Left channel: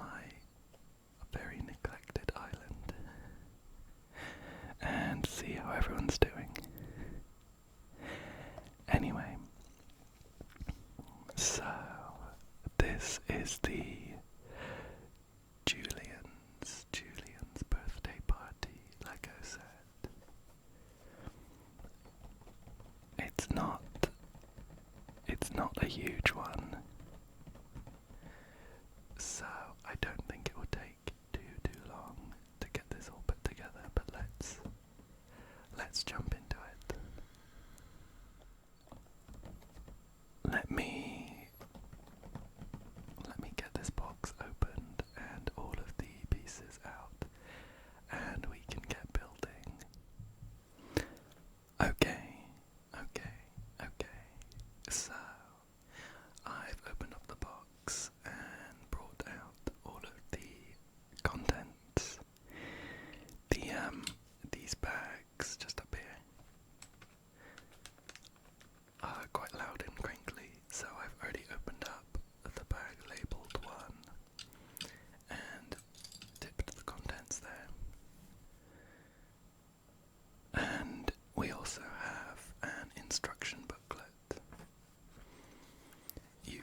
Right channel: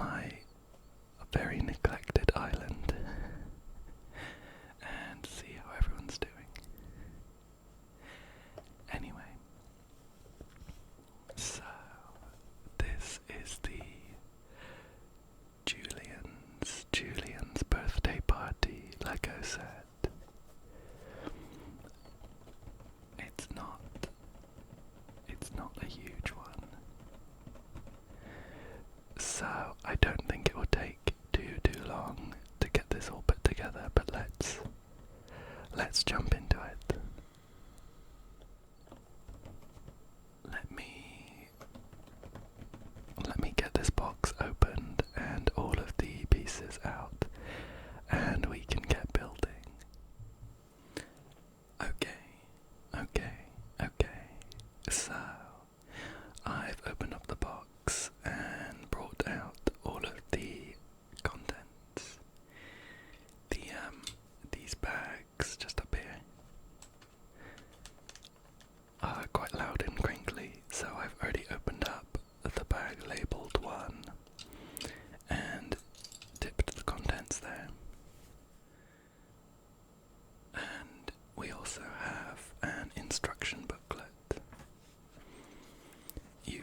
my very neglected island and see how everyone's doing. Anyway, so this is the Julian's birthday party Lego set. It's not a huge one, so I don't think it will take too long to get this all put together, but let's jump into it. Let me get this box opened and all of the pieces out, and we can get building. Okay. So, I've opened up the box and brought out all of the contents. These bags just up here are quite loud and crinkly, so I've already opened up the bag labelled 1 and dipped the contents there. And we also have an instruction booklet. You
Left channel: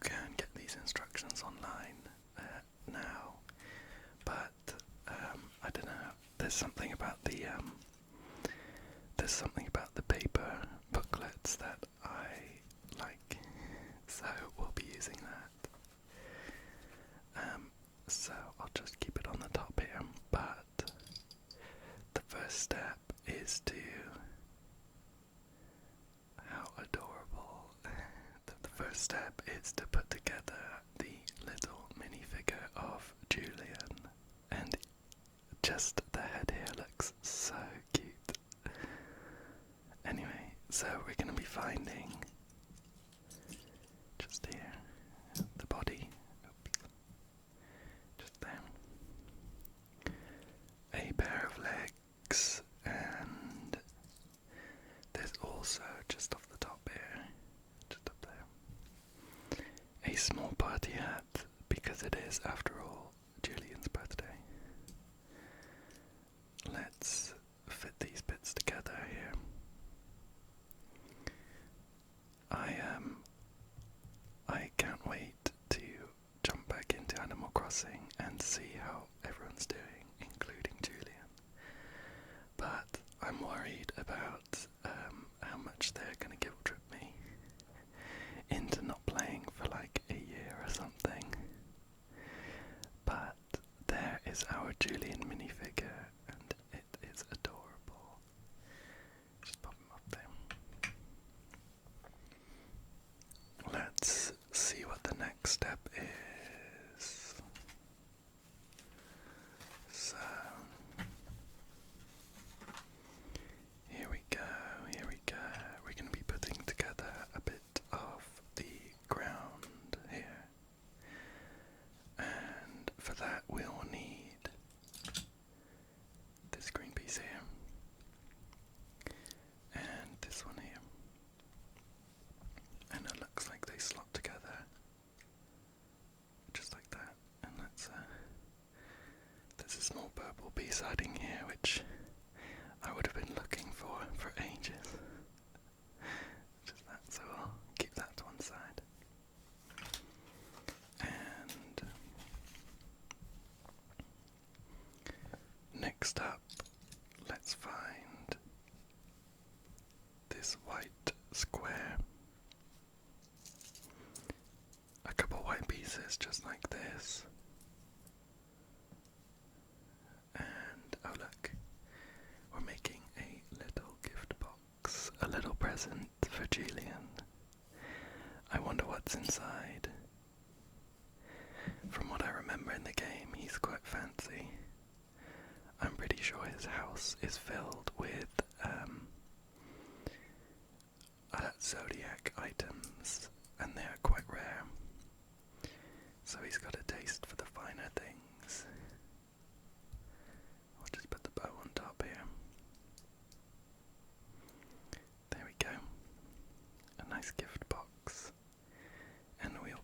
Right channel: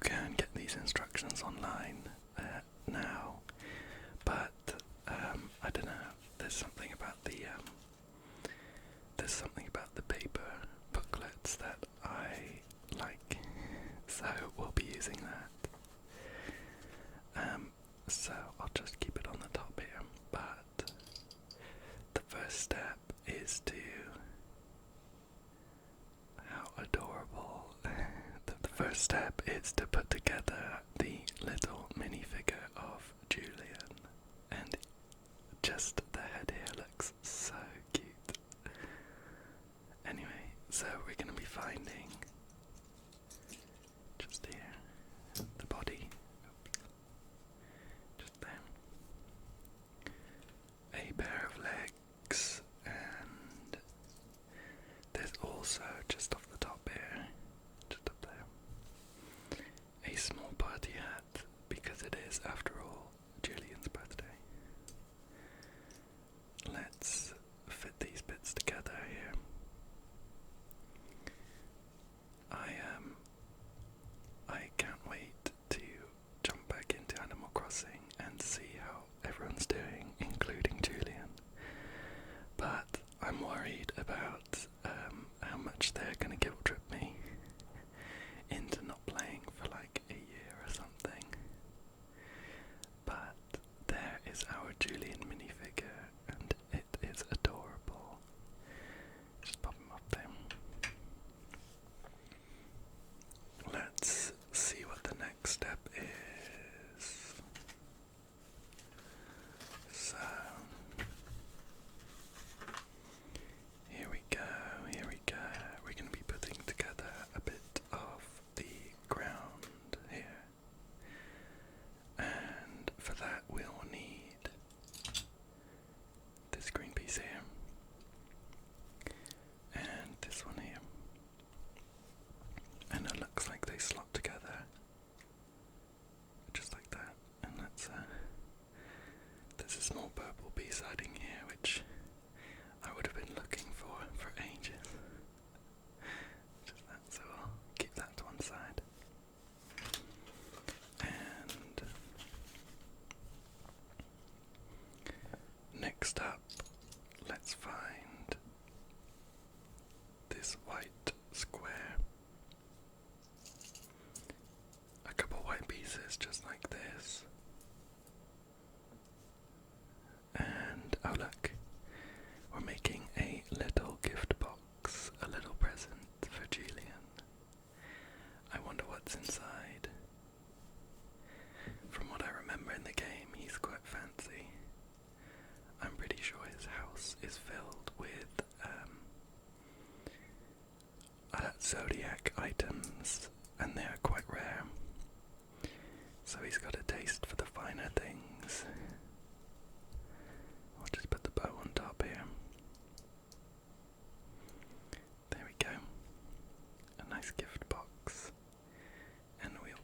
can get these instructions online now, but I don't know. There's something about the paper booklets that I like, so we'll be using that. So I'll just keep it on the top here, but the first step is to... How adorable. The first step is to put together the little minifigure of Julian, and just the head here looks so cute. Anyway, so we're going to be finding, just here, the body, just there, a pair of legs, and there's also, just off the top here, just up there, a small party hat, because it is, after all, Julian's birthday. Let's fit these bits together here. I can't wait to jump back into Animal Crossing and see how everyone's doing, including Julian. But I'm worried about how much they're going to guilt trip me into not playing for like a year or something. But there is our Julian minifigure, and it is adorable. Just pop him up there. Let's see what the next step is. So, here we go. We're going to be putting together a bit of the ground here. And for that we'll need this green piece here. And this one here. And it looks like they slot together. Just like that. And there's a small purple piece hiding here, which I would have been looking for ages. Just that, so I'll keep that to one side. And next up, let's find this white square. A couple white pieces just like this. And oh look, we're making a little gift box, a little present for Julian. I wonder what's inside. From what I remember in the game, he's quite fancy. I'm pretty sure his house is filled with zodiac items, and they are quite rare. So he's got a taste for the finer things. I'll just put the bow on top here. There we go. A nice gift box. And we'll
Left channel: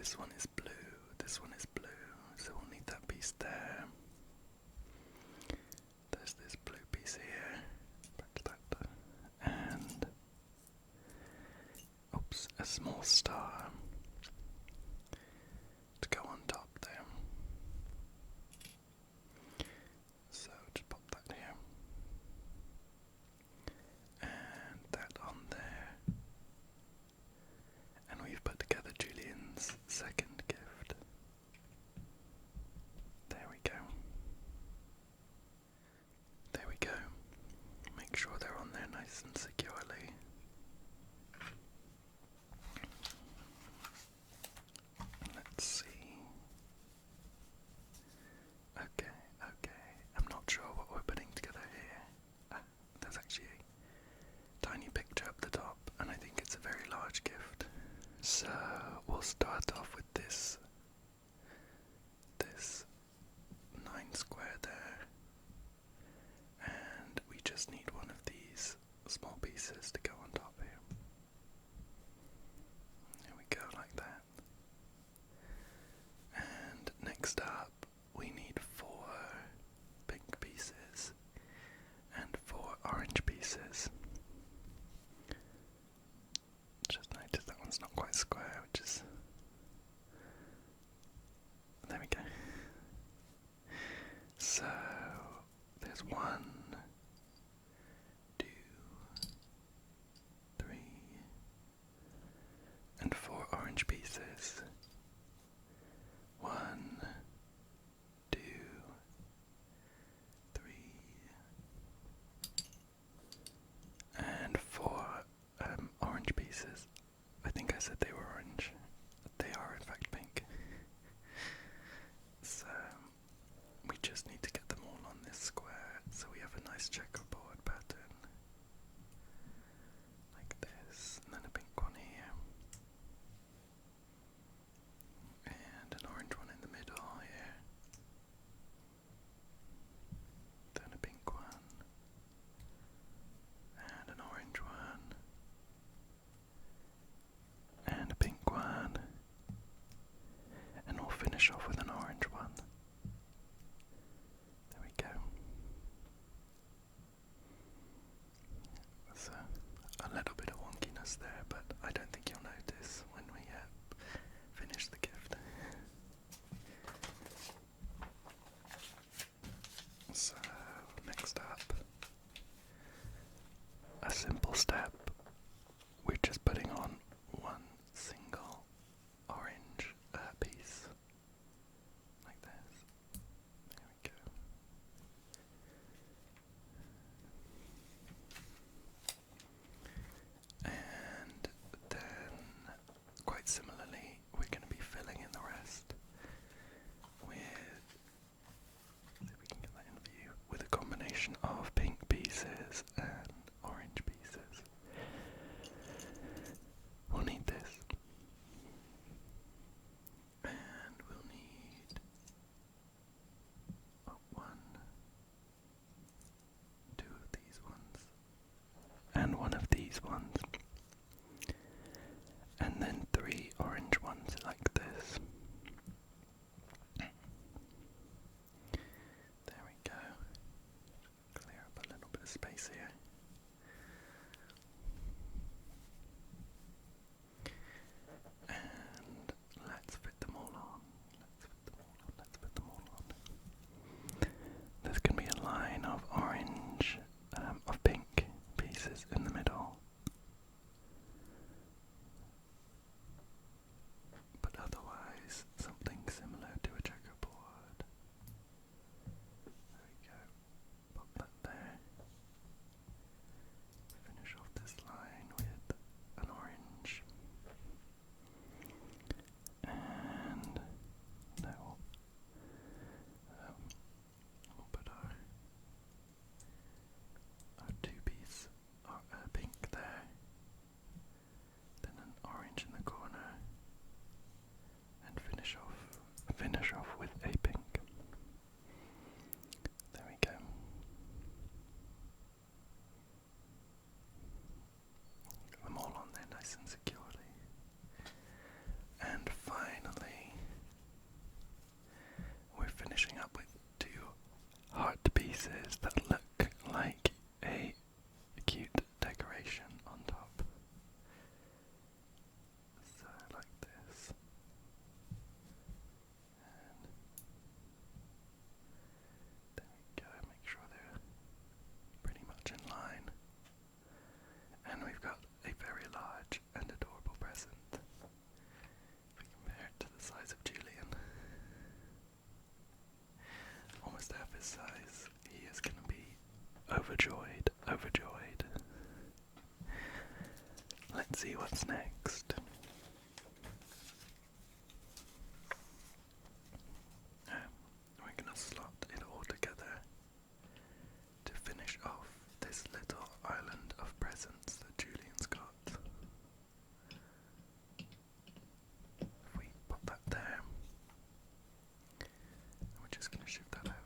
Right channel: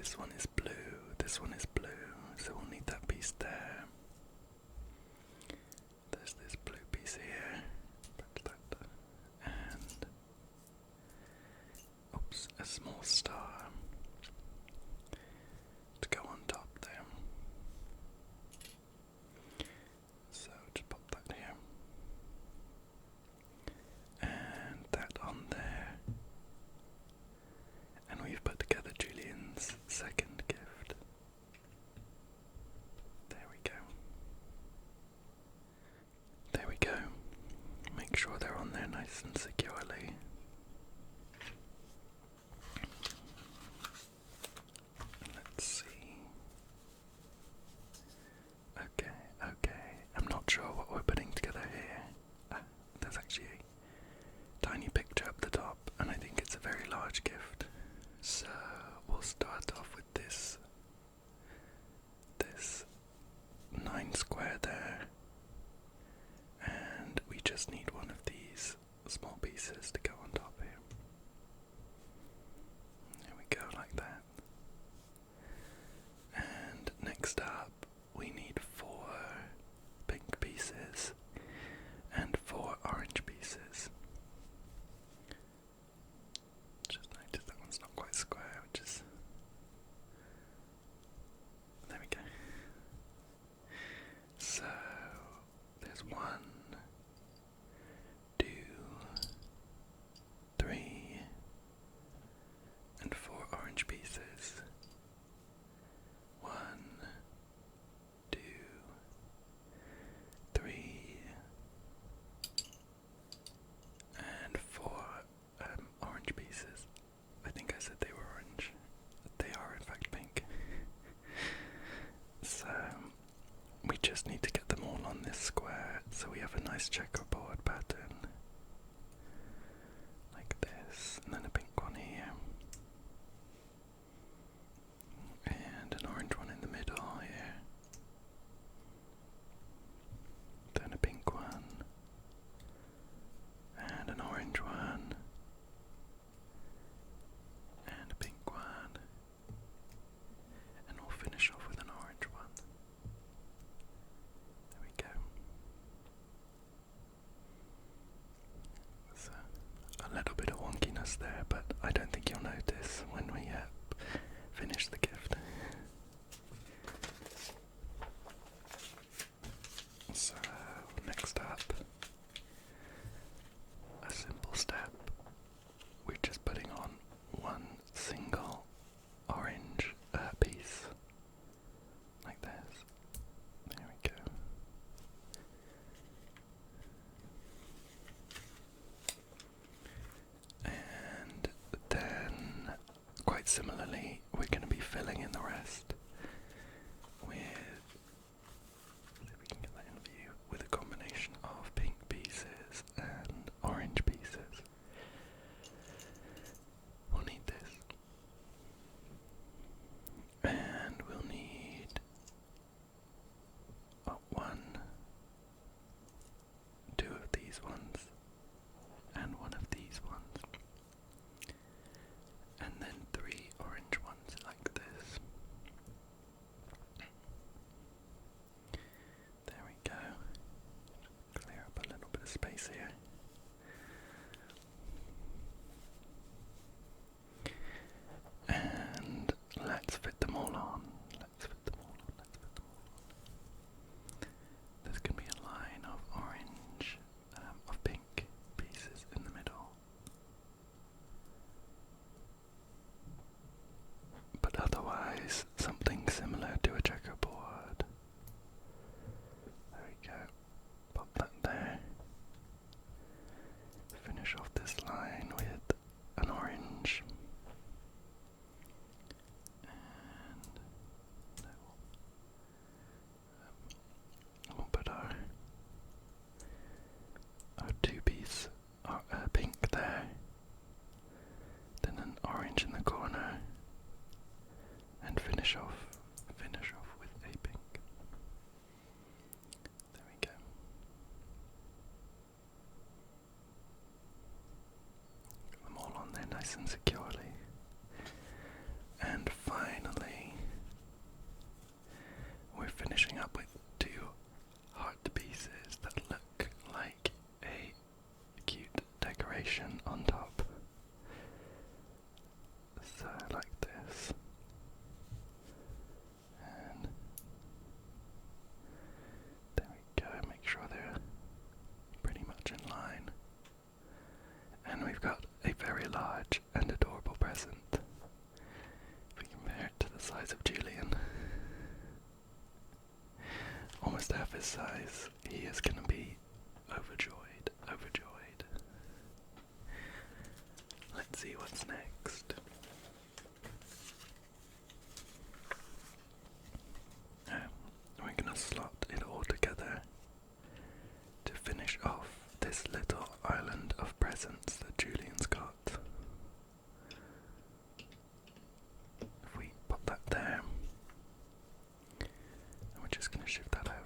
this one is blue, this one is blue, so we'll need that piece there. There's this blue piece here, and oops, a small star to go on top there. So just pop that here, and that on there, and we've put together Julian's second gift. There we go. There we go. Make sure they're on there nice and securely. Let's see. Okay. I'm not sure what we're putting together here. There's actually a tiny picture up the top, and I think it's a very large gift. So we'll start off with this 9 square there, and we just need one of these small pieces to go on top here. There we go, like that. And next up, we need 4 pink pieces and 4 orange pieces. Just noticed that one's not quite square, which is... There we go. So, there's 1, 2, 3, and 4 orange pieces. 1, 2, 3, and 4 orange pieces. I think I said they were orange. They are in fact pink. So we just need to get them all on this square so we have a nice checkerboard pattern. Like this, and then a pink one here. And an orange one in the middle here. Then a pink one. And an orange one. And a pink one. And we'll finish off with an orange one. There we go. So, a little bit of wonkiness there, but I don't think you'll notice when we finish the gift. So, next up, a simple step. We're just putting on one single orange piece, like this. There we go. And then, quite similarly, we're going to be filling in the rest with, see if we can get that in view, with a combination of pink pieces and orange pieces. We'll need this. And we'll need 1, 2 of these ones, and 1 of these ones, and then 3 orange ones. size, he is going to be overjoyed, overjoyed. Let's see what's next. We're going to slot it all together to finish off this little island of presents that Julian's got. If we pop that there, and we're just going to shift that over.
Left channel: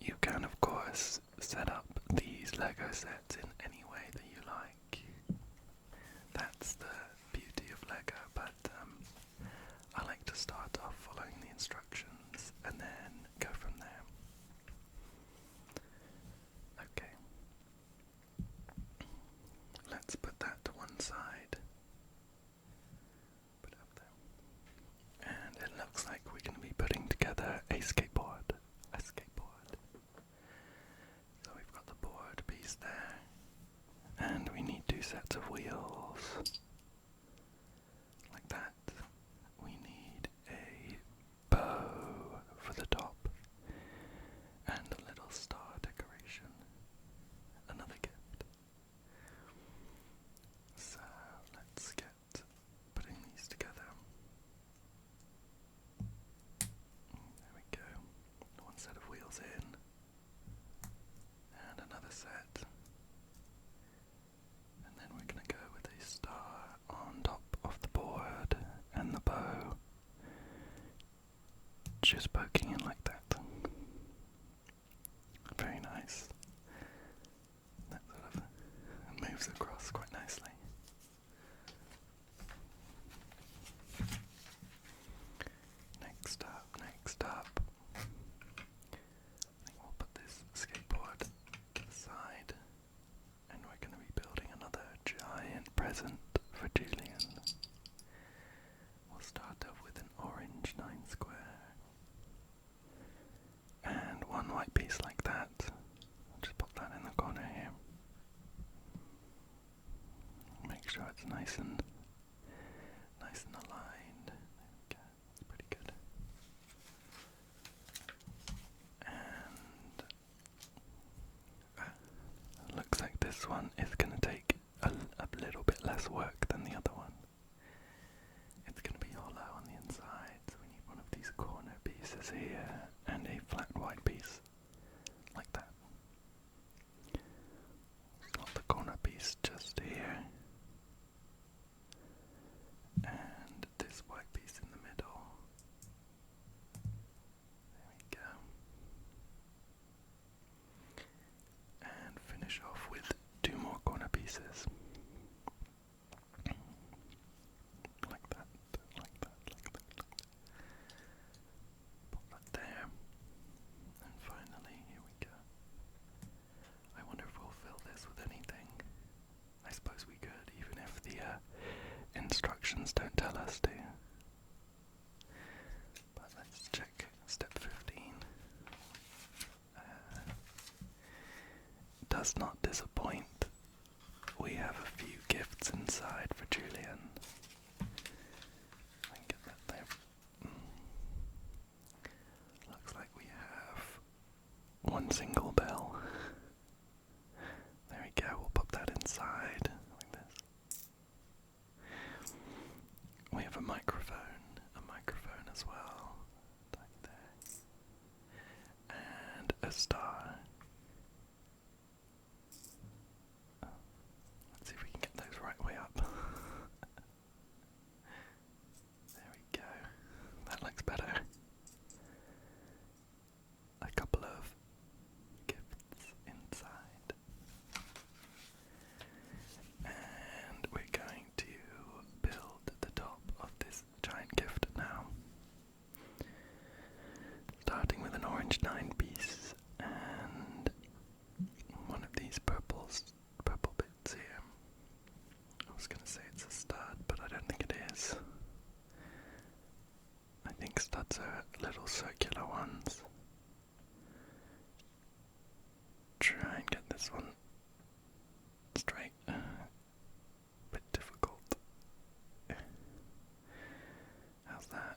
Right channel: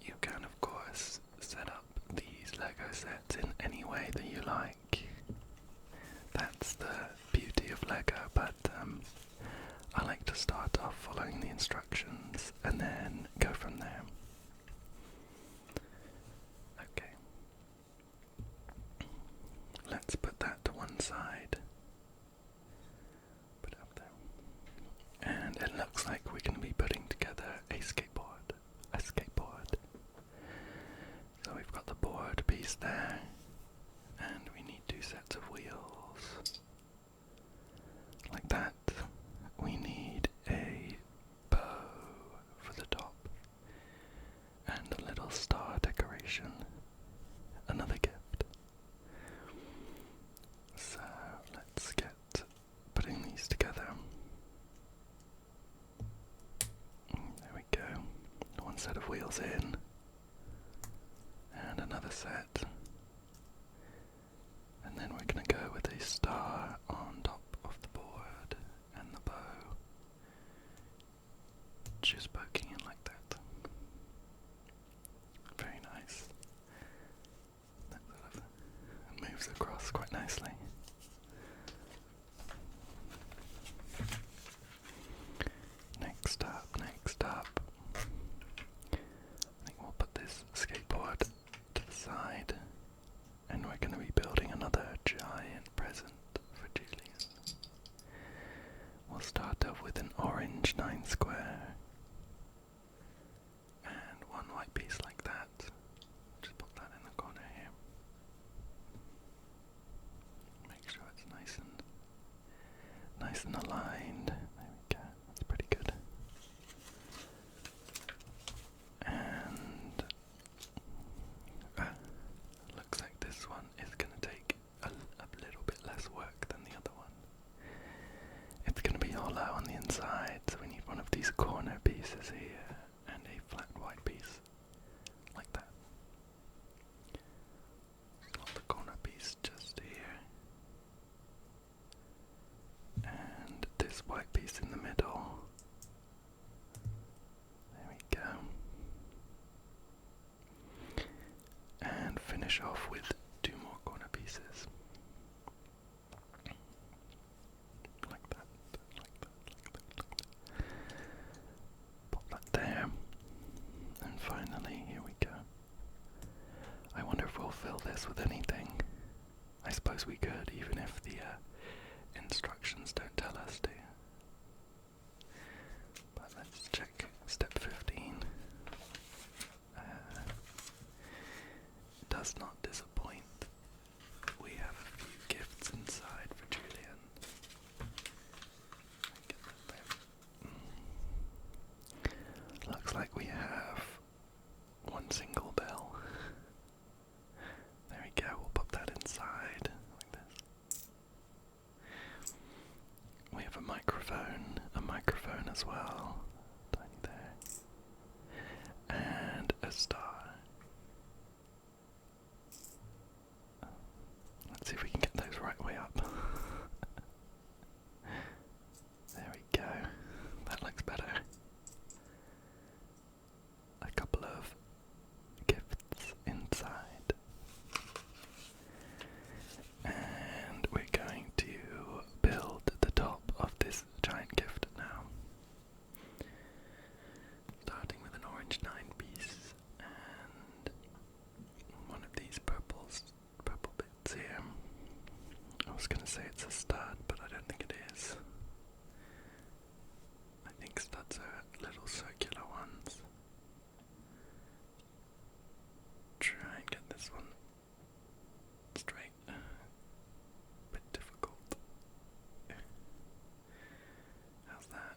You can, of course, set up these Lego sets in any way that you like. That's the beauty of Lego, but I like to start off following the instructions and then go from there. Okay. Let's put that to one side. Put it up there. And it looks like we're going to be putting together a skateboard. A skateboard. So we've got the board piece there. And we need 2 sets of wheels. Like that. We need a bow for the top. And a little star decoration. Another gift. So let's get putting these together. There we go. One set of wheels in. And another set. And then we're going to go with a star on top of the board and the bow just poking in like that. Very nice. That sort of moves across quite nicely. Next up. I think we'll put this skateboard to the side. And we're going to be building another giant present for Julian. We'll start off with an orange 9 square. And one white piece like that. Just put that in the corner here. Make sure it's nice and aligned. There we go. That's pretty good. And looks like this one is going to take a little bit less work than the other one. It's going to be hollow on the inside, so we need one of these corner pieces here and a flat white piece like that. Slot the corner piece just here, and this white piece in the middle. There we go. And finish off with 2 more corner pieces. Like that. Pop that there. And finally, here we go. I wonder if we'll fill this with anything. I suppose we could, even if the instructions don't tell us to. But let's check step 15. Does not disappoint. We have a few gifts inside for Julian. Get that there. Looks like we have one single bell. There we go, we'll pop that inside like this. We have a microphone as well. Tiny there. And a star. Let's see if we can get those right way up. There we go. That looks better. A couple of gifts inside. And we're going to build the top of this giant gift now. Starting with an orange 9 piece and one of these purple bits here. I was going to say it's a stud, but I don't think it is. I think studs are little circular ones. Try and get this one straight. Bit difficult. How's that?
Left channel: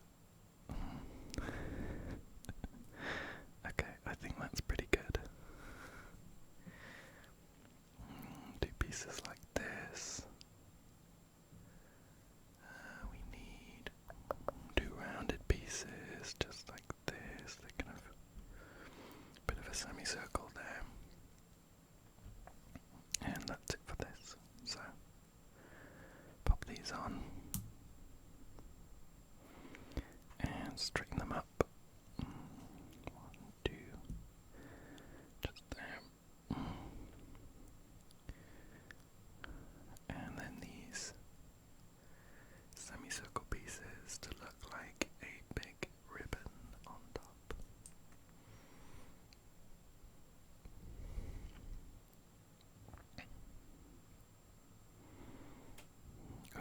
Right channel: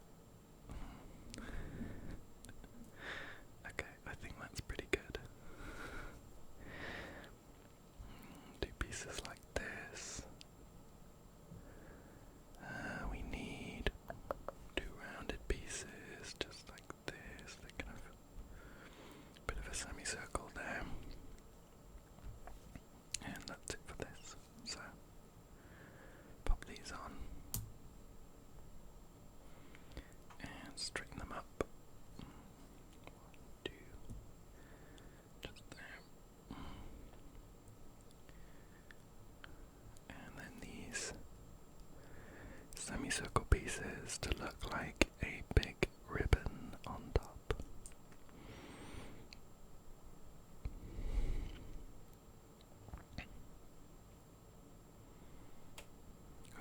straighten them up. 1, 2, just there. And then these semicircle pieces to look like a big ribbon on top.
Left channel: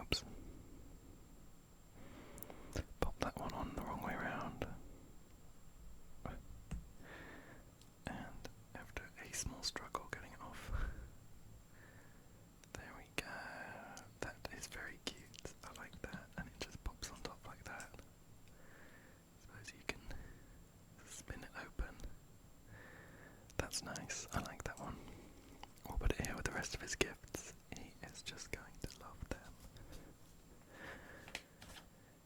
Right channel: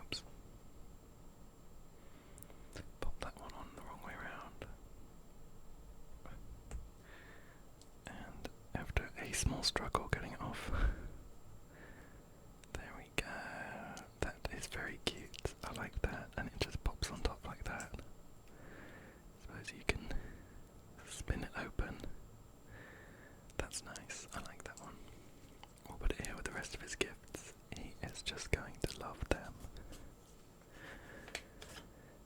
Oops. Pop that one on the wrong way around. And after a small struggle getting it off, there we go. That is very cute. I like that, and it just pops on top like that. Suppose you can spin it open. That's nice. I like that one. We'll put it here with the rest of his gifts. He is just going to love them.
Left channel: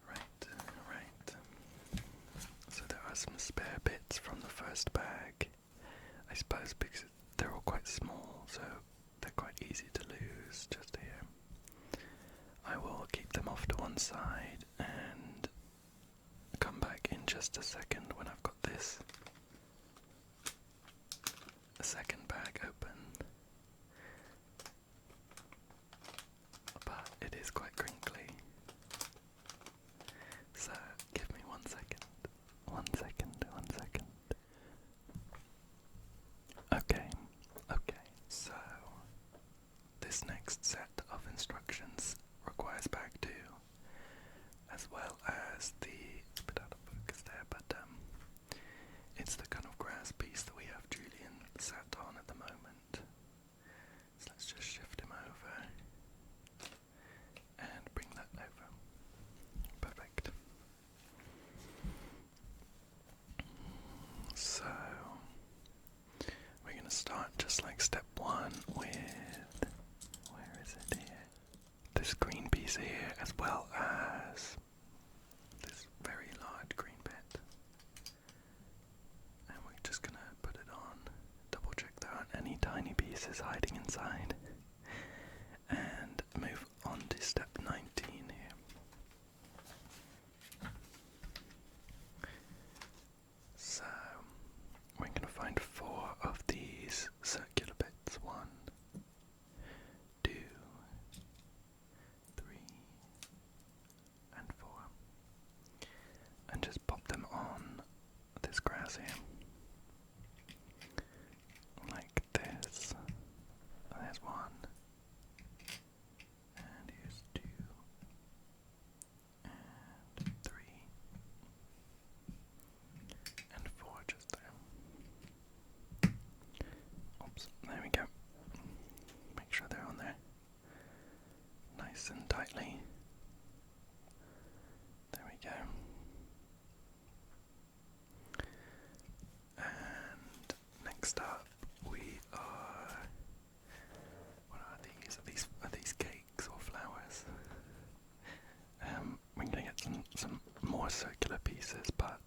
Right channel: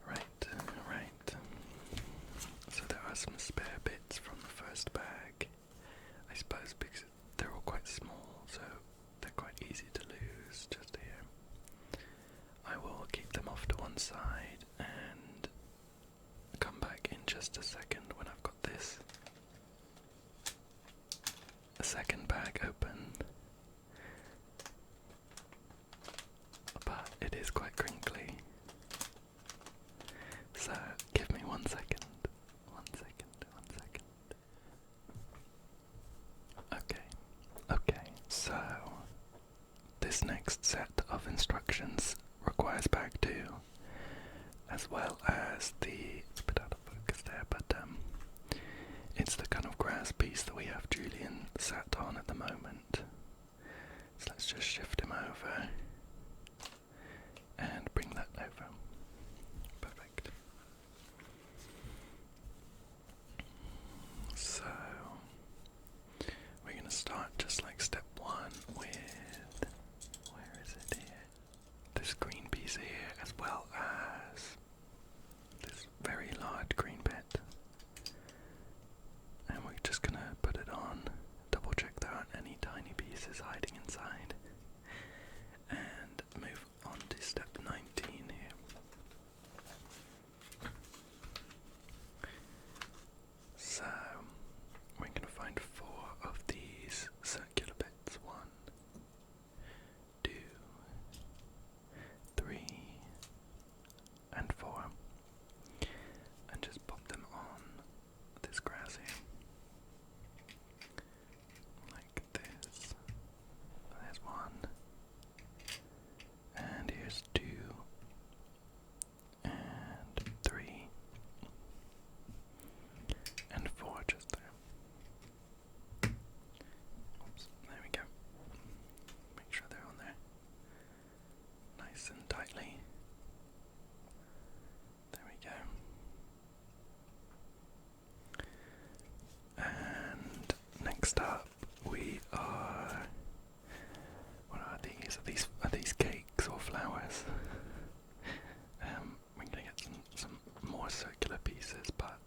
Right. So there are some spare bits from the first bag. I suppose because they're all quite small, so they're quite easy to lose just here. I will keep them off to one side and come back in just a second when I've got this second bag open. But it is quite crinkly. So give me 1 second. 1 second. Okay, so this next set of instructions requires bag 2, as well as it's a bit out of focus there, but it's the kind of grass piece that we have Julian sat on at the moment. So let's just shift him over and bring that over. Perfect. So we're going to start just like step 1 with, where is it here? This green piece here, as well as this very large green bit. And we're just going to put it on, double check there aren't any tiny pieces hiding inside, and move on to step 19 here. So we're going to find 4 of these circular bits. 1, 2, 3, and 4. And just pop them on this grass here. Like this. There's 1. And here's 2. And 3. And 4 just there. Oops, there we go. Make sure they're on there. Nice and tightly. There we go. And next up we are, what are these? Are these cakes or flowers? We're going to get some more circular pieces, but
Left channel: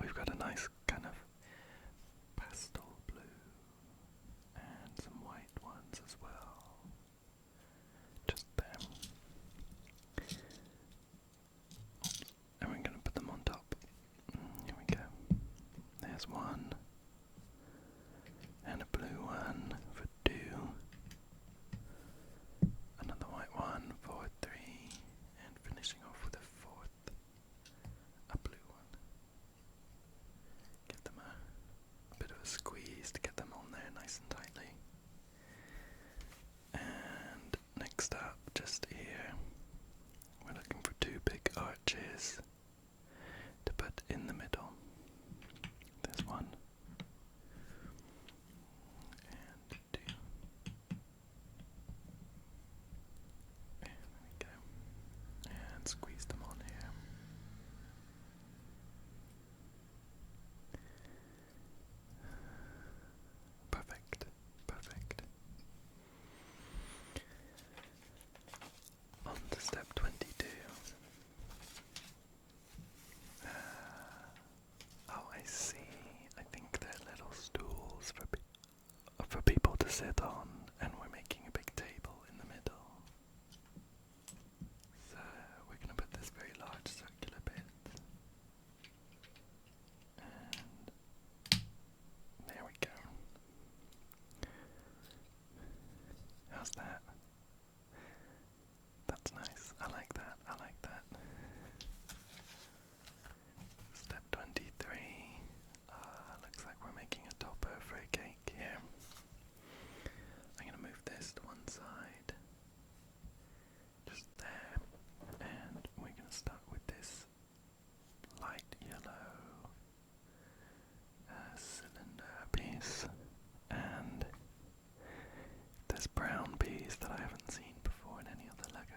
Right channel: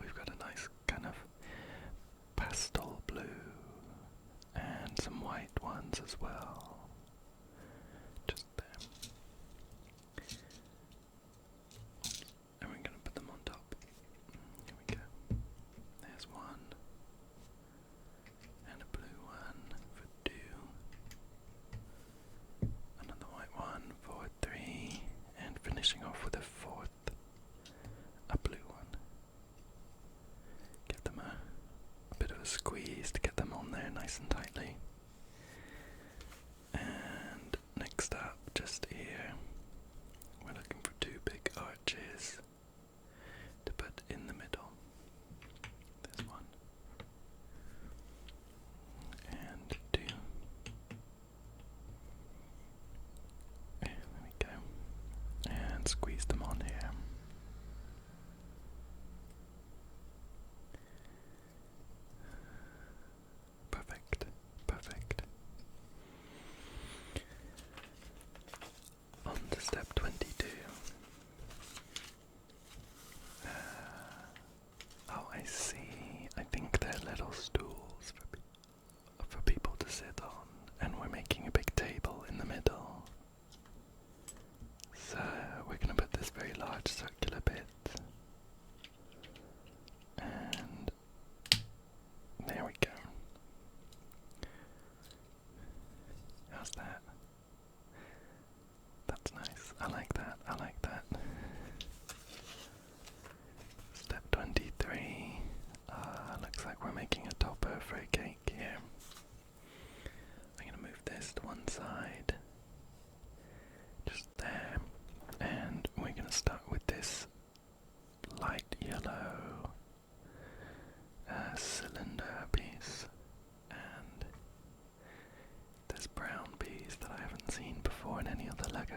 we've got a nice kind of pastel blue and some white ones as well. Just there. And we're going to put them on top. Here we go. There's 1. And a blue one for 2. Another white one for 3. And finishing off with a 4th, a blue one. Give them a bit of a squeeze to get them on there nice and tightly.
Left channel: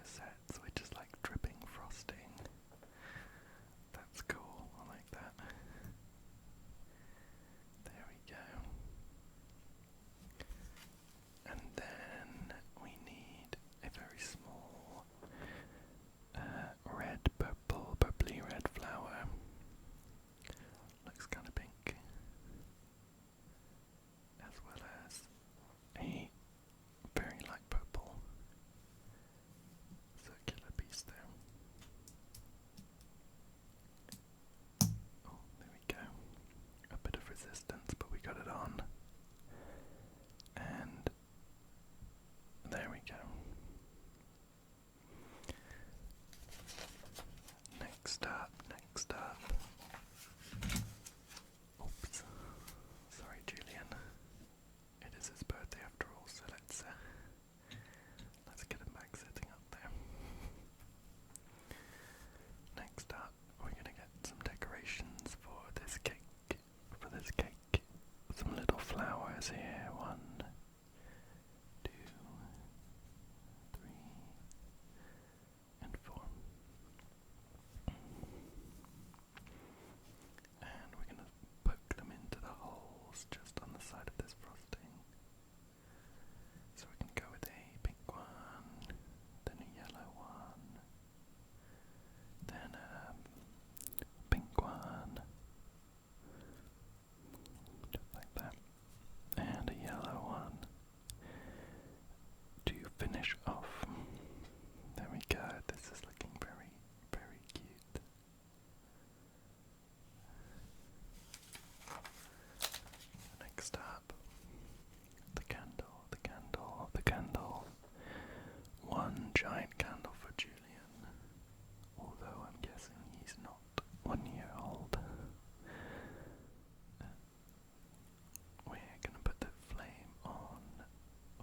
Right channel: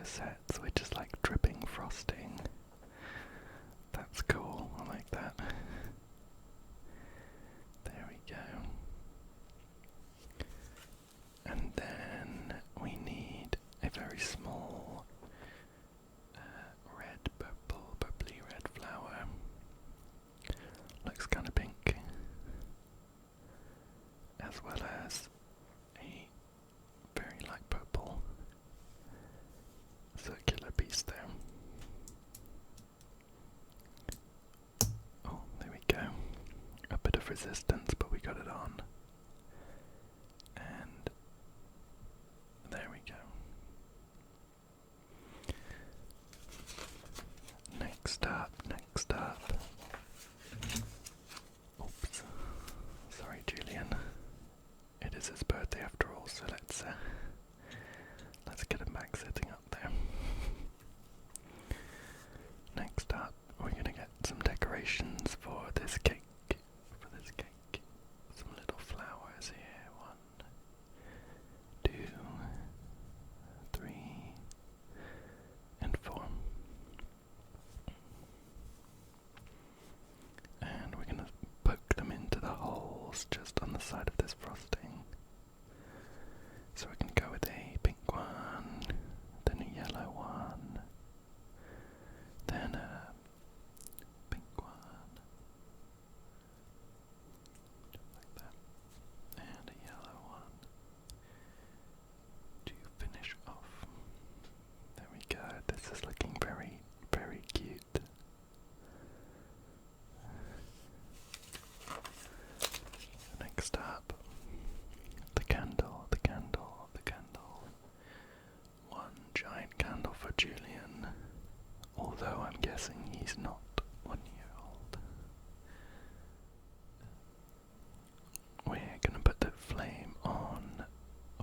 sets with just like dripping frosting. That's cool, I like that. There we go. And then we need a very small red, purpley red flower. Looks kind of pink. As well as a very light purple circular piece there. Oh, there we go. A bit of resistance, but we got it on. And there we go. Next up. Oops. Sorry, Julian. It is his birthday after all, so let's get him back sitting up there. Next up, we're gonna get some decorations for this cake. Some little flowers here. 1, 2, 3, and 4. And we're gonna poke them into the holes just on the side of this frosting. So we can go with a pink one, then a yellow one, then a pink one, just like that, and a yellow one to finish off. There we go, this is looking very, very cute. Next up, the candle. One giant candle for Julian, although I'm guessing he's not 1 year old. We're gonna put the flame on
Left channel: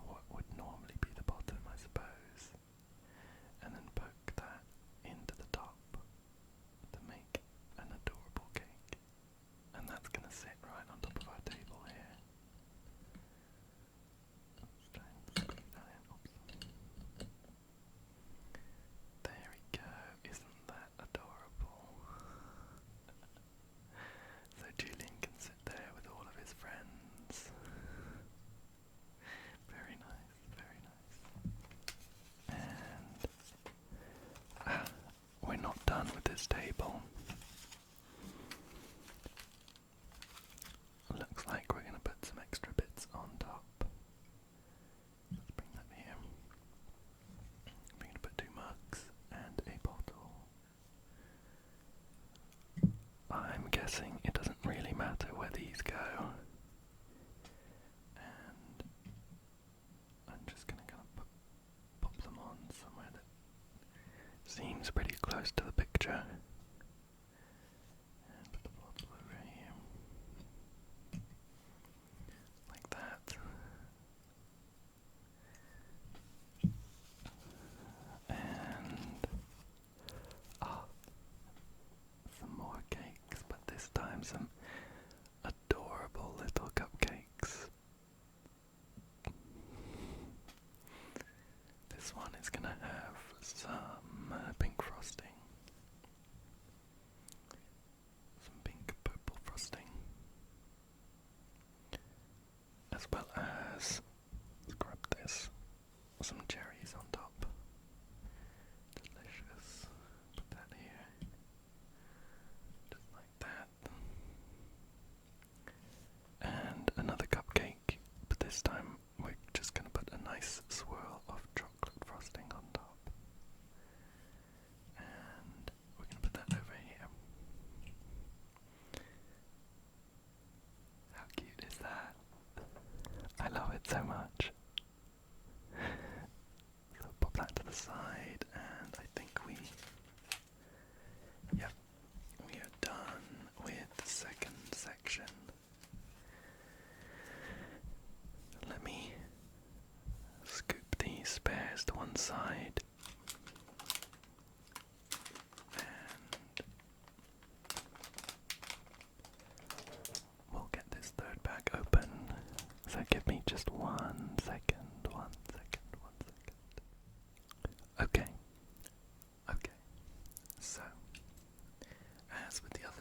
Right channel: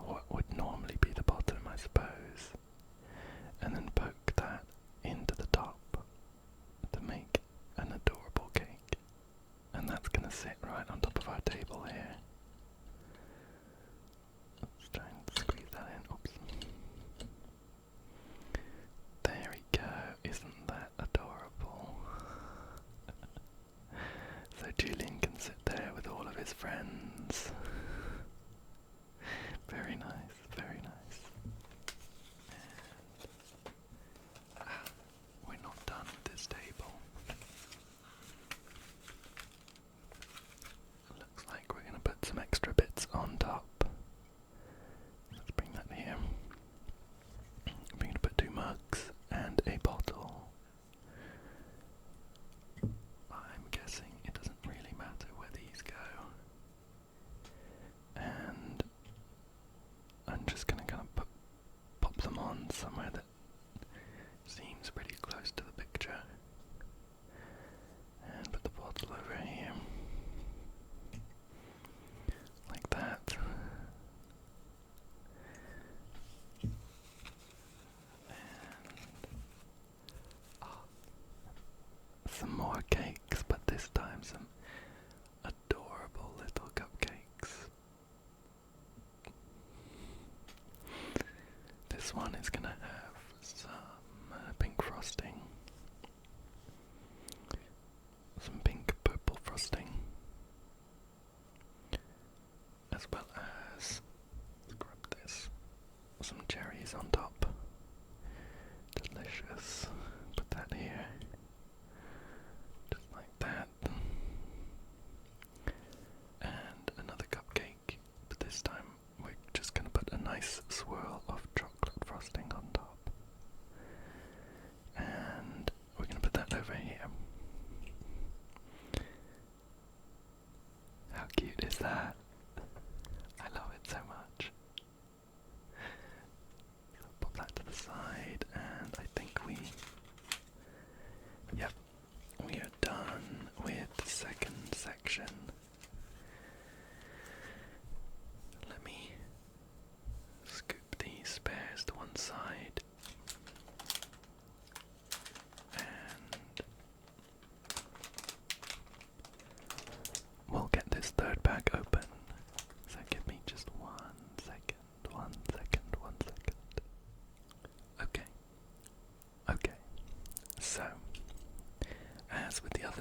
what would normally be the bottom, I suppose, and then poke that into the top to make an adorable cake. And that's gonna sit right on top of our table here. Let's try and squeeze that in. Oops. There we go. Isn't that adorable? So Julian can sit there with all of his friends. Very nice, very nice. And we're not done with this table. Looks like we're going to put some extra bits on top. Let's bring that here. We're going to put 2 mugs and a bottle. I'm guessing it doesn't really matter where these go. And I'm just going to kind of pop them on somewhere that seems pretty close to the picture. And put the bottle over here. Like that. And some more cakes, but this time some adorable little cupcakes. This one is gonna have some pink frosting, some pink purple frosting, as well as, let's grab this, some cherries on top. Delicious. Put that here. Just like that. And another cupcake, but this time we're just going to put a nice swirl of chocolate frosting on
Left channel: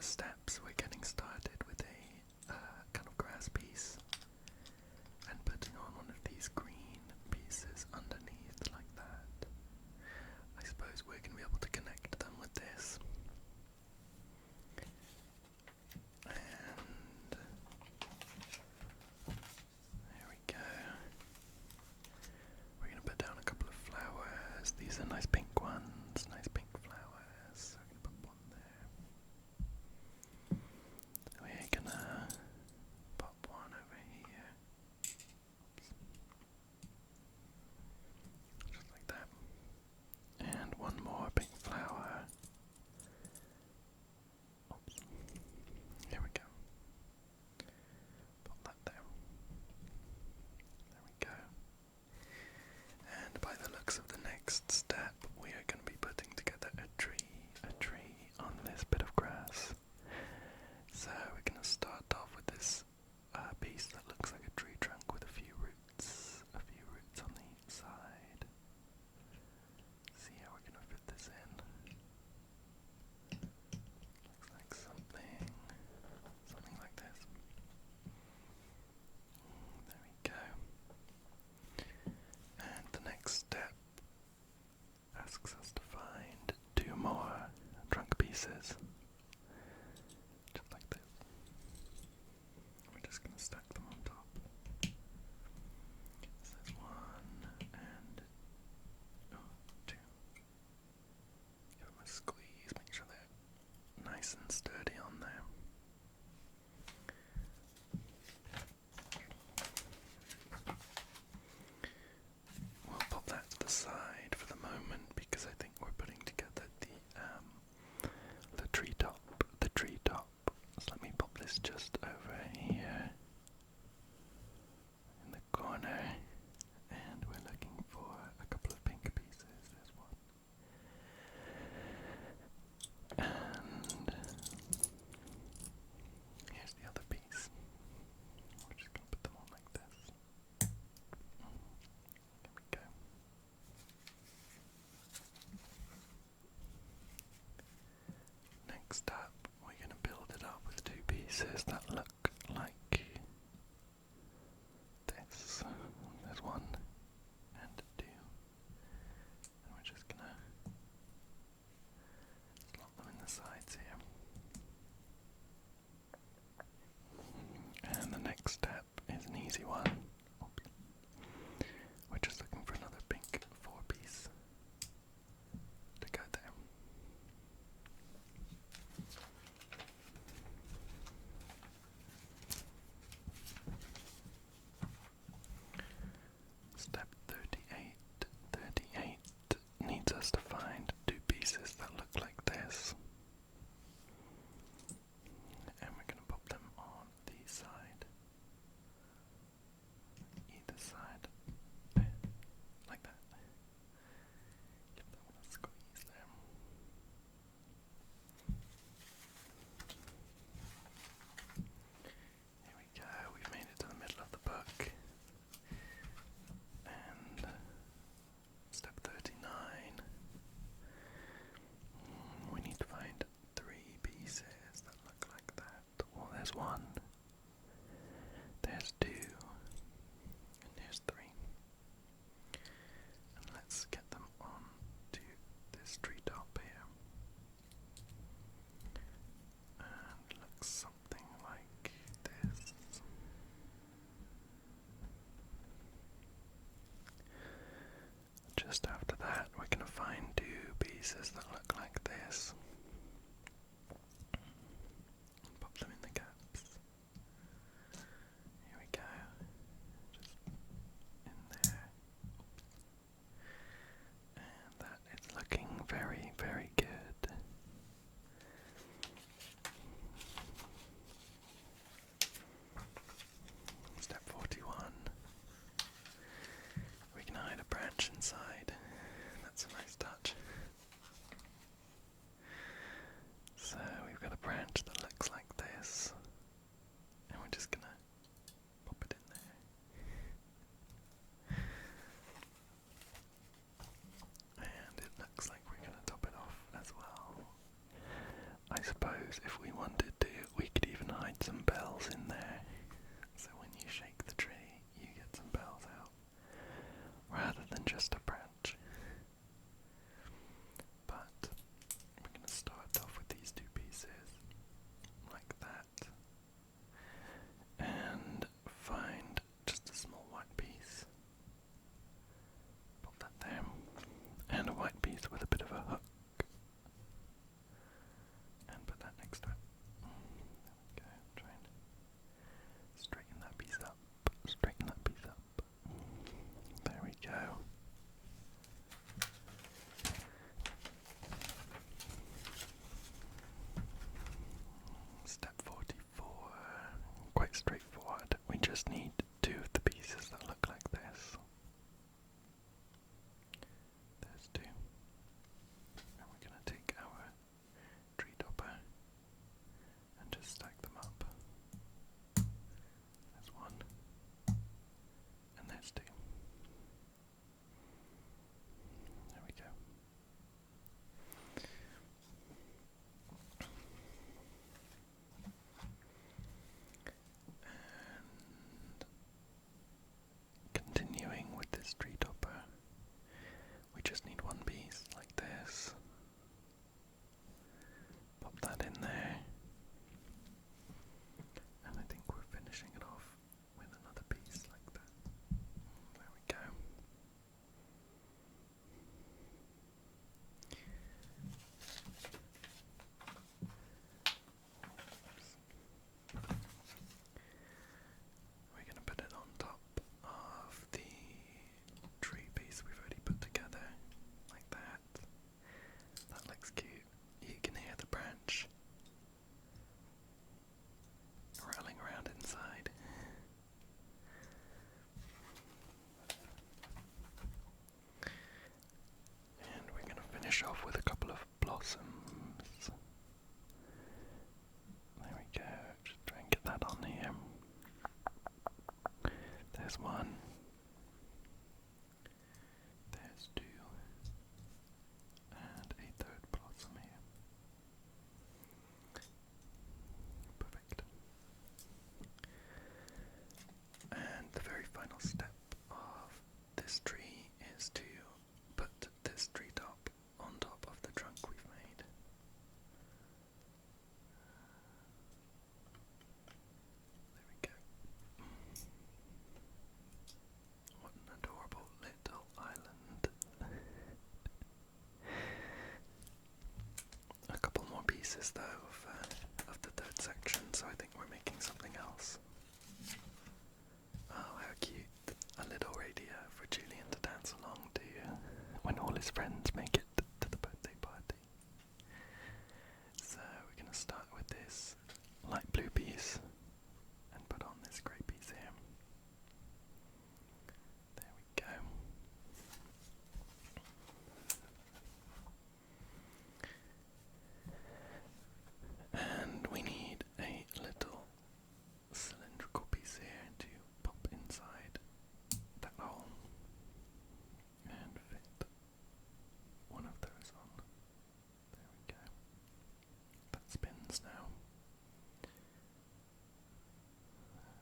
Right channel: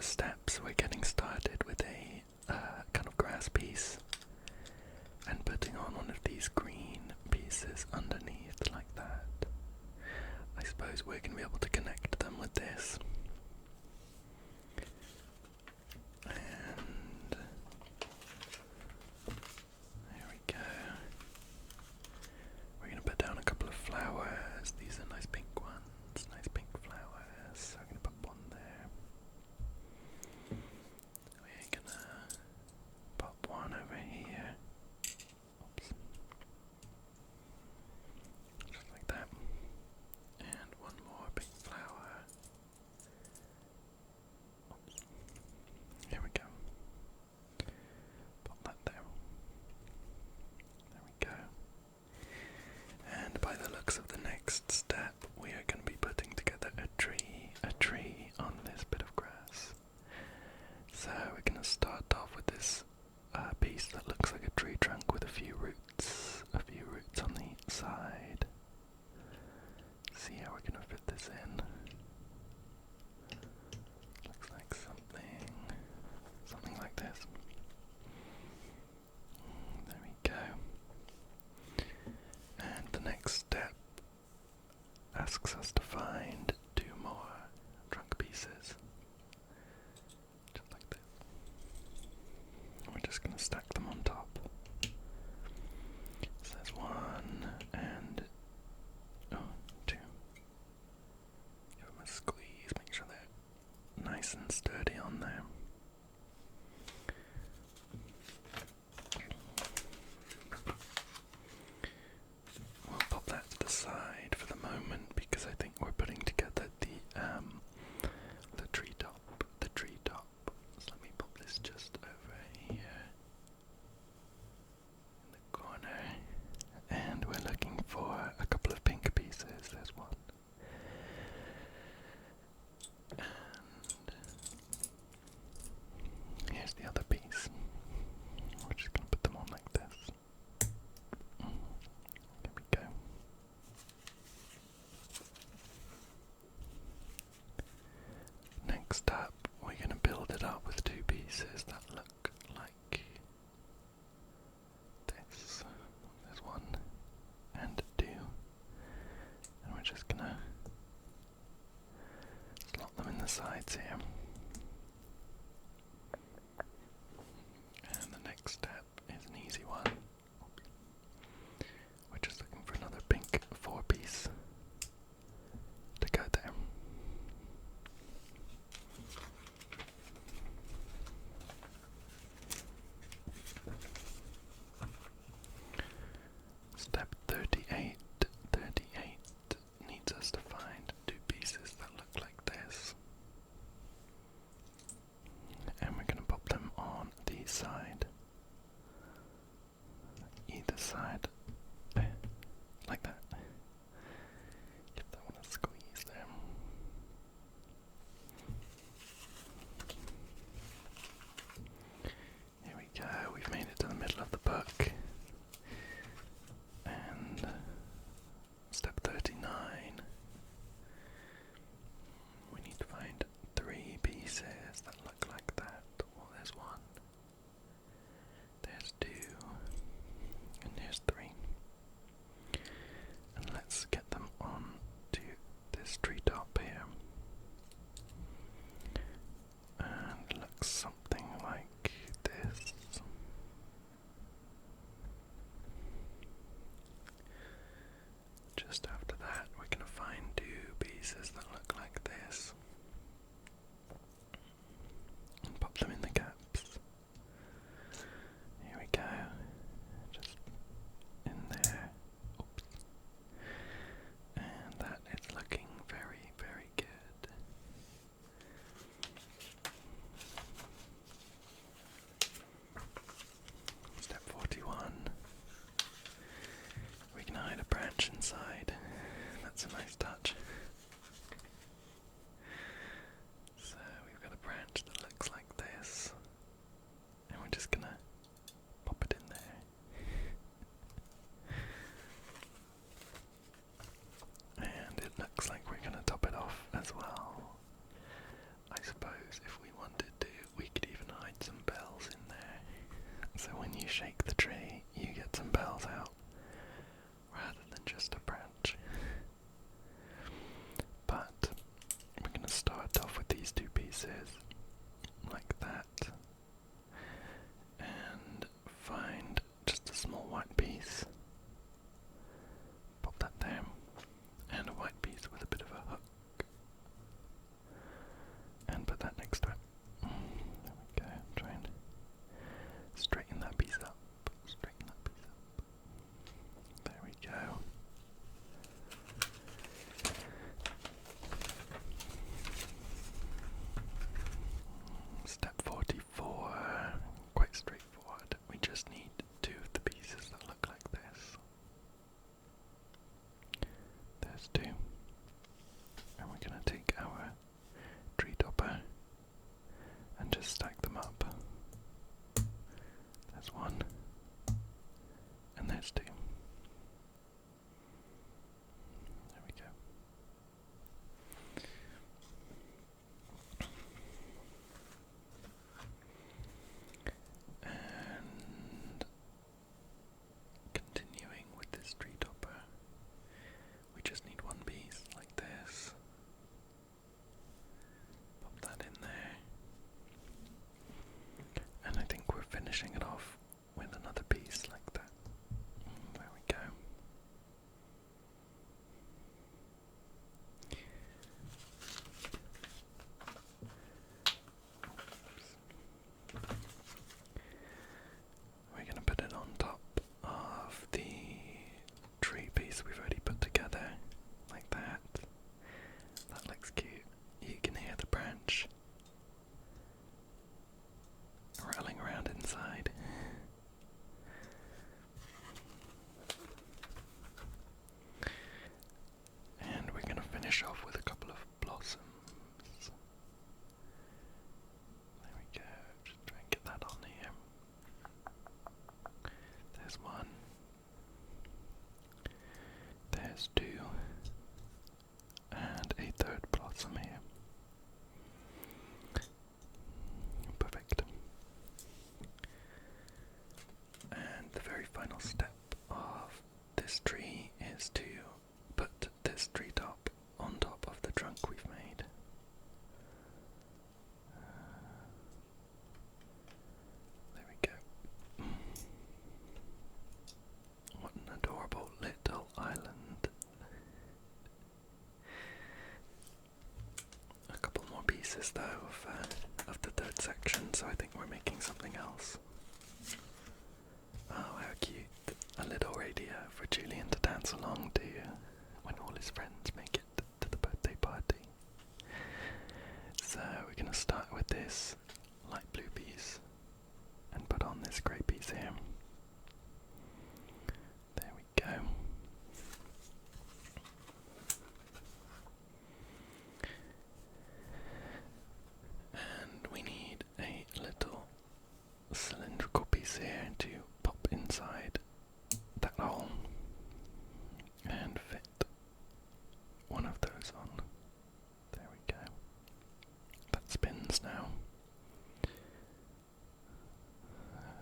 steps, we're getting started with a kind of grass piece and putting on one of these green pieces underneath like that. I suppose we're going to be able to connect them with this. And there we go. We're going to put down a couple of flowers. These are nice pink ones, nice pink flowers. So I'm going to put one there. We're going to pop one over here. Oops. Just like that. And one more pink flower. Oops. Here we go. Pop that there. There we go. And by the looks of the next step, we are going to be putting together a tree on this bit of grass. So we're going to start off with this piece that looks like a tree trunk with a few roots on the side. See how we're going to fit this in. Looks like something like this. There we go. And the next step asks us to find 2 more trunk pieces. Just like this. We're just going to stack them on top. So there's 1 and 2. Give them a squeeze, make sure they're nice and sturdy on there. We'll pop that to the side for the moment because I think we're putting together the tree top. So let me pop this just over here in the corner, and we're looking for a couple of pink pieces. There's one. And here's the other piece. We're just going to put them on like this. There we go. Next up, we're going to build it up with 2 pieces that look like this. There's 1 and 2. And we're just going to slot them in the sides here. And the next step is an easy one. Oops. We're just looking for another pink 4-piece to go there. Step 38 needs us to find 2 pieces that look like this. And we're going to pop them on the side. Either side. Like that. Give that one a squeeze there. Here we go, we've made it to the middle of the book. And step 39. We need to find 3 pieces that look like that. Well, there's 1. There's 2. And there's 3. And let's get them on to this treetop here. And it looks something like this. Just after that, we're going to find 2 pieces that look like this. And pop them in the gaps. Here we go. Just in there. Oops. And that is looking very, very good. Step 41. We can hide a branch inside. That's a nice touch. So we've got a branch that looks like this. And we're just gonna pop it in there. And it looks like we're gonna top it off as well. I suppose if we wanted just stack them up. There's one, and there's two. There we go. And continuing with this tree topper, we just need one piece like this. Pop that in there. And I think we're finishing it off with another piece like that. There we go. We're going to put it on top of the tree piece we've already put together, like that. That looks cute. You can hear the branch rattling around inside. And we're going to finish off with a couple of blossoms. There we go. Just try and get that on here. There's one. There's two. And a third blossom here. Perfect. And the very final step of this tree is to put this tree top on top of the trunk we've made. There we go. What an adorable little island. A couple more pieces though of the third section, so I think we're making something else. Oh, how cute. A little radio for Julian to dance along to when all his friends make it to the birthday party. So we're going to start with this light blue piece and put on this grey piece here. There we go. And we need a little cylindrical piece here to pop inside that hole and fit one of those on. There we go. That spins now. I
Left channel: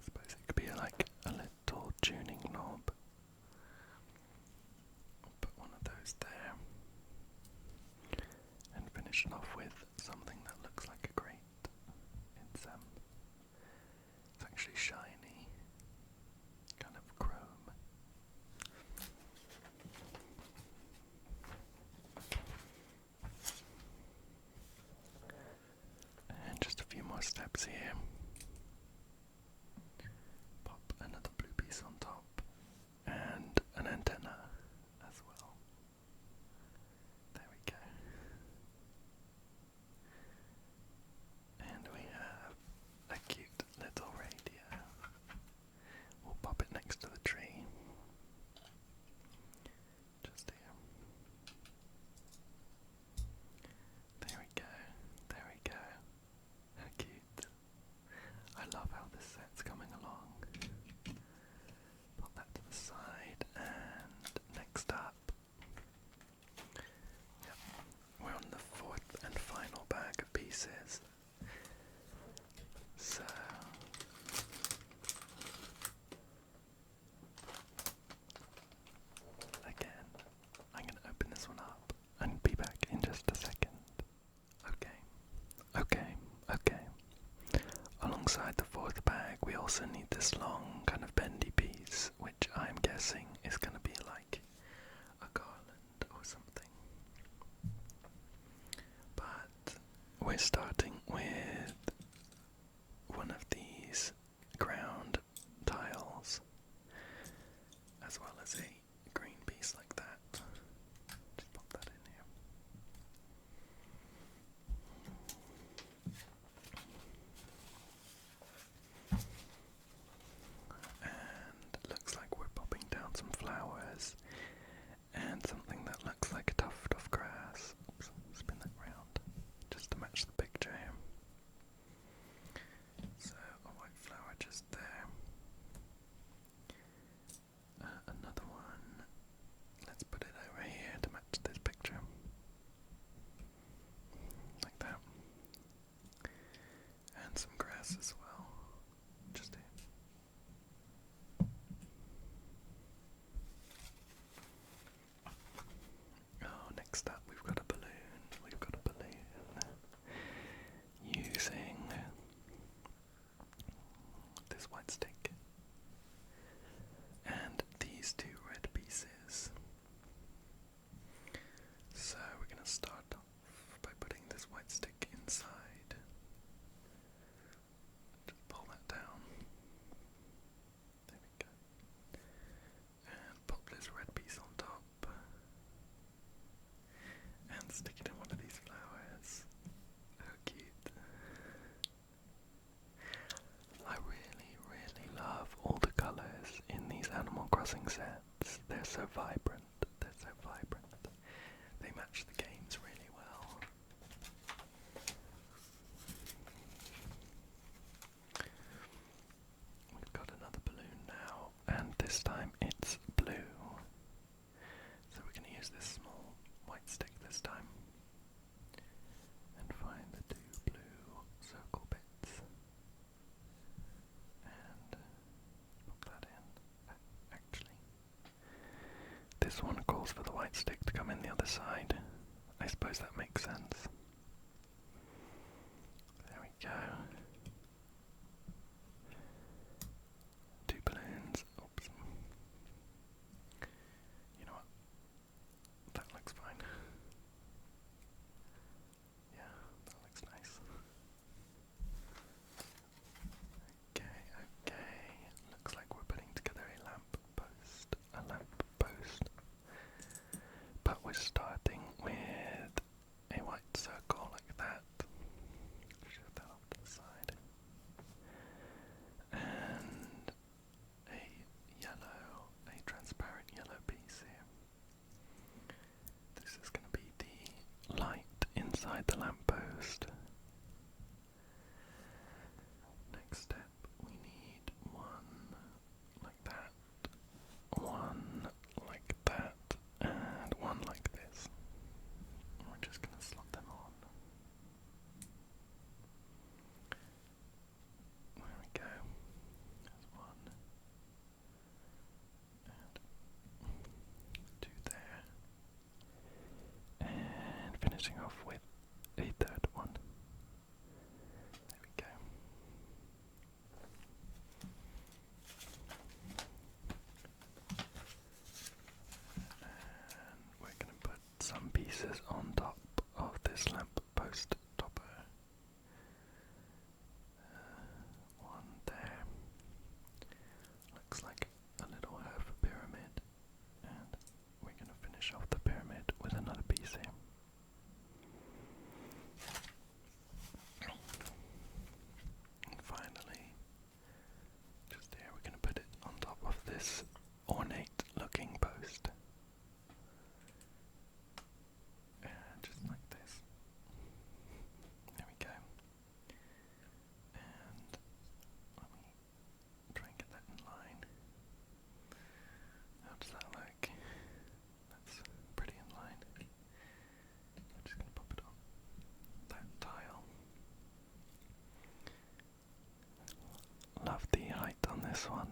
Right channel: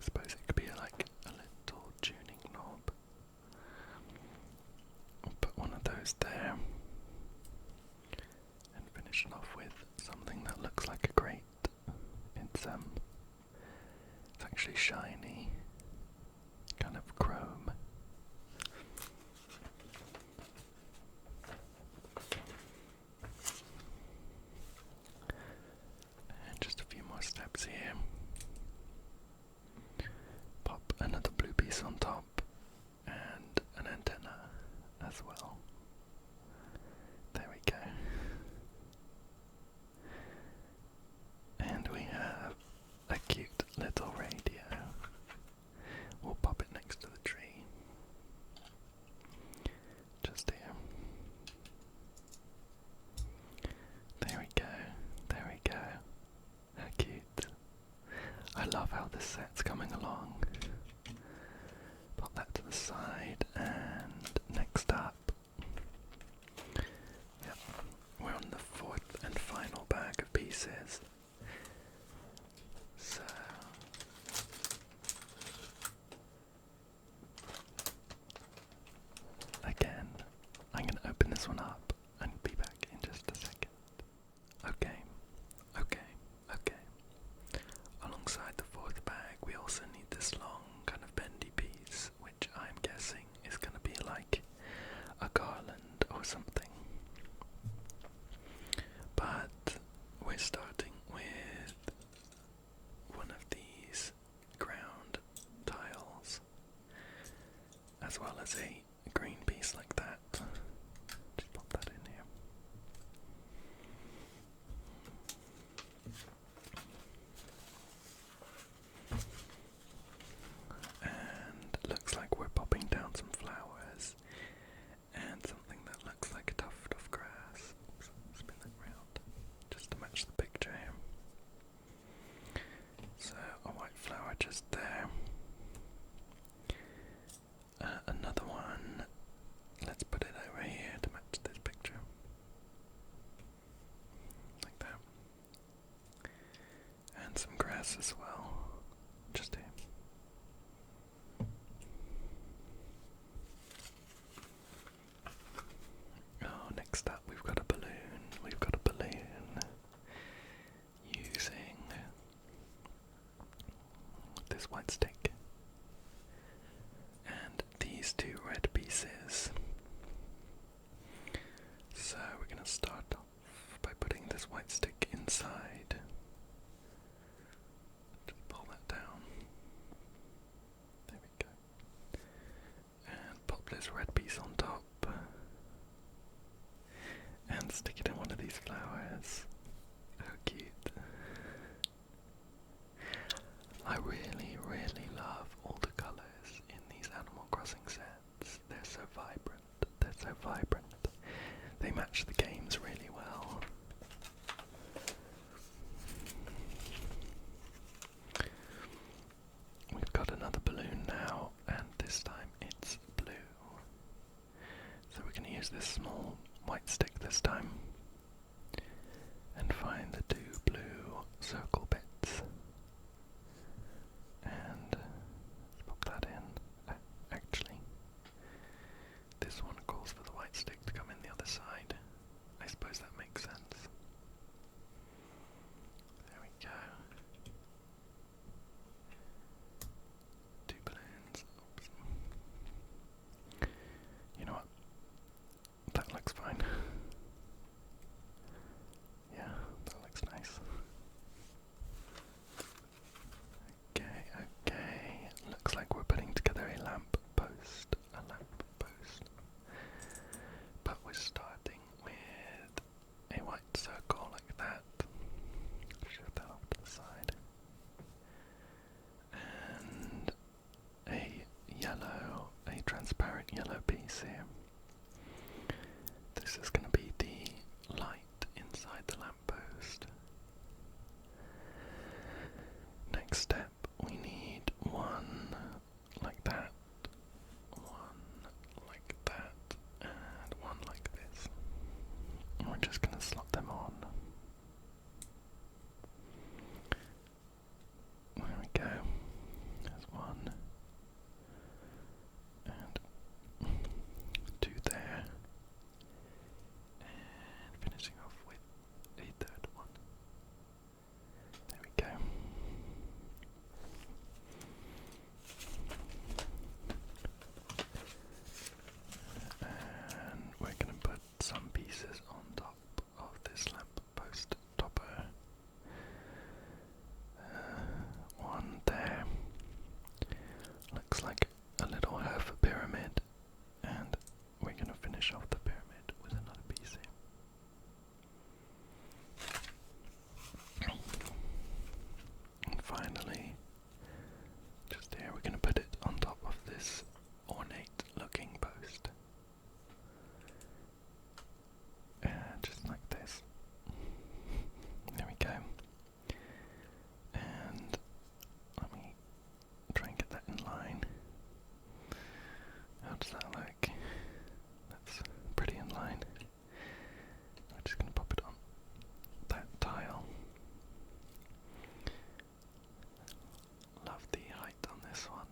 suppose it could be like a little tuning knob. I'll put one of those there and finish it off with something that looks like a grate. It's actually shiny, kind of chrome. And just a few more steps here. Pop another blue piece on top and an antenna as well. There we go. And we have a cute little radio. We'll pop it next to the tree. Just here. There we go. There we go. How cute. I love how this set's coming along. Pop that to the side, and next up, yep, we're on the fourth and final bag of pieces. So again, I'm going to open this one up and be back in just a second. Okay. Alongside the fourth bag, we also need this long kind of bendy piece, which I'm guessing is going to be like a garland or something. But we're starting with one of these ground tiles, as well as a green piece like that. Just pop that in here. And looks like we're popping down some flowers and something that looks like a tuft of grass. Oops, spin that round just to match the picture. pieces on top of this lamp post topper. One there. Looks like a little half pyramid, and we're going to finish off the pyramid with another piece here. And finally, just here, we're going to put it on top of this ornate looking post. Just like this. There we go. And let me try and get that in line. How does that look? That's pretty in line. I'm just going to pop it on that tile. Love the height on this one.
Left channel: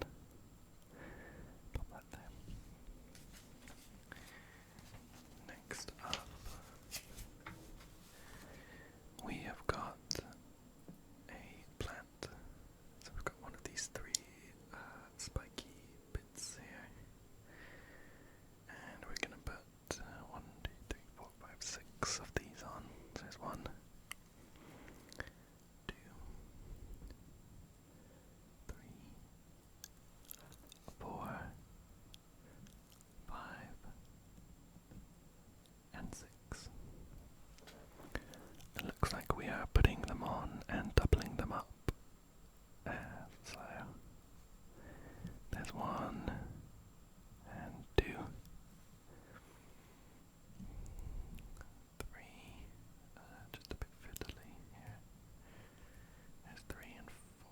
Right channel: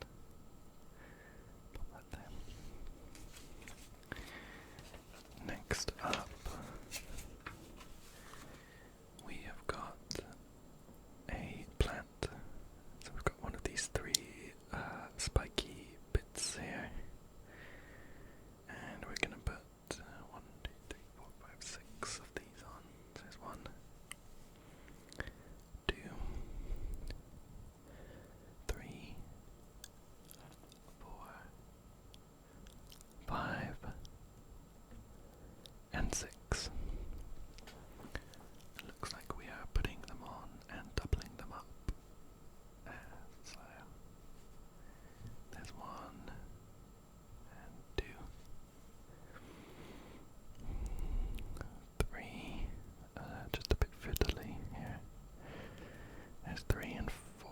Pop that there. Next up, we have got a plant. So we've got one of these three spiky bits here. And we're going to put 1, 2, 3, 4, 5, 6 of these on. So there's 1, 2, 3, 4, 5, and 6. It looks like we are putting them on and doubling them up. So there's 1 and 2, 3, just a bit fiddly here. There's 3 and 4.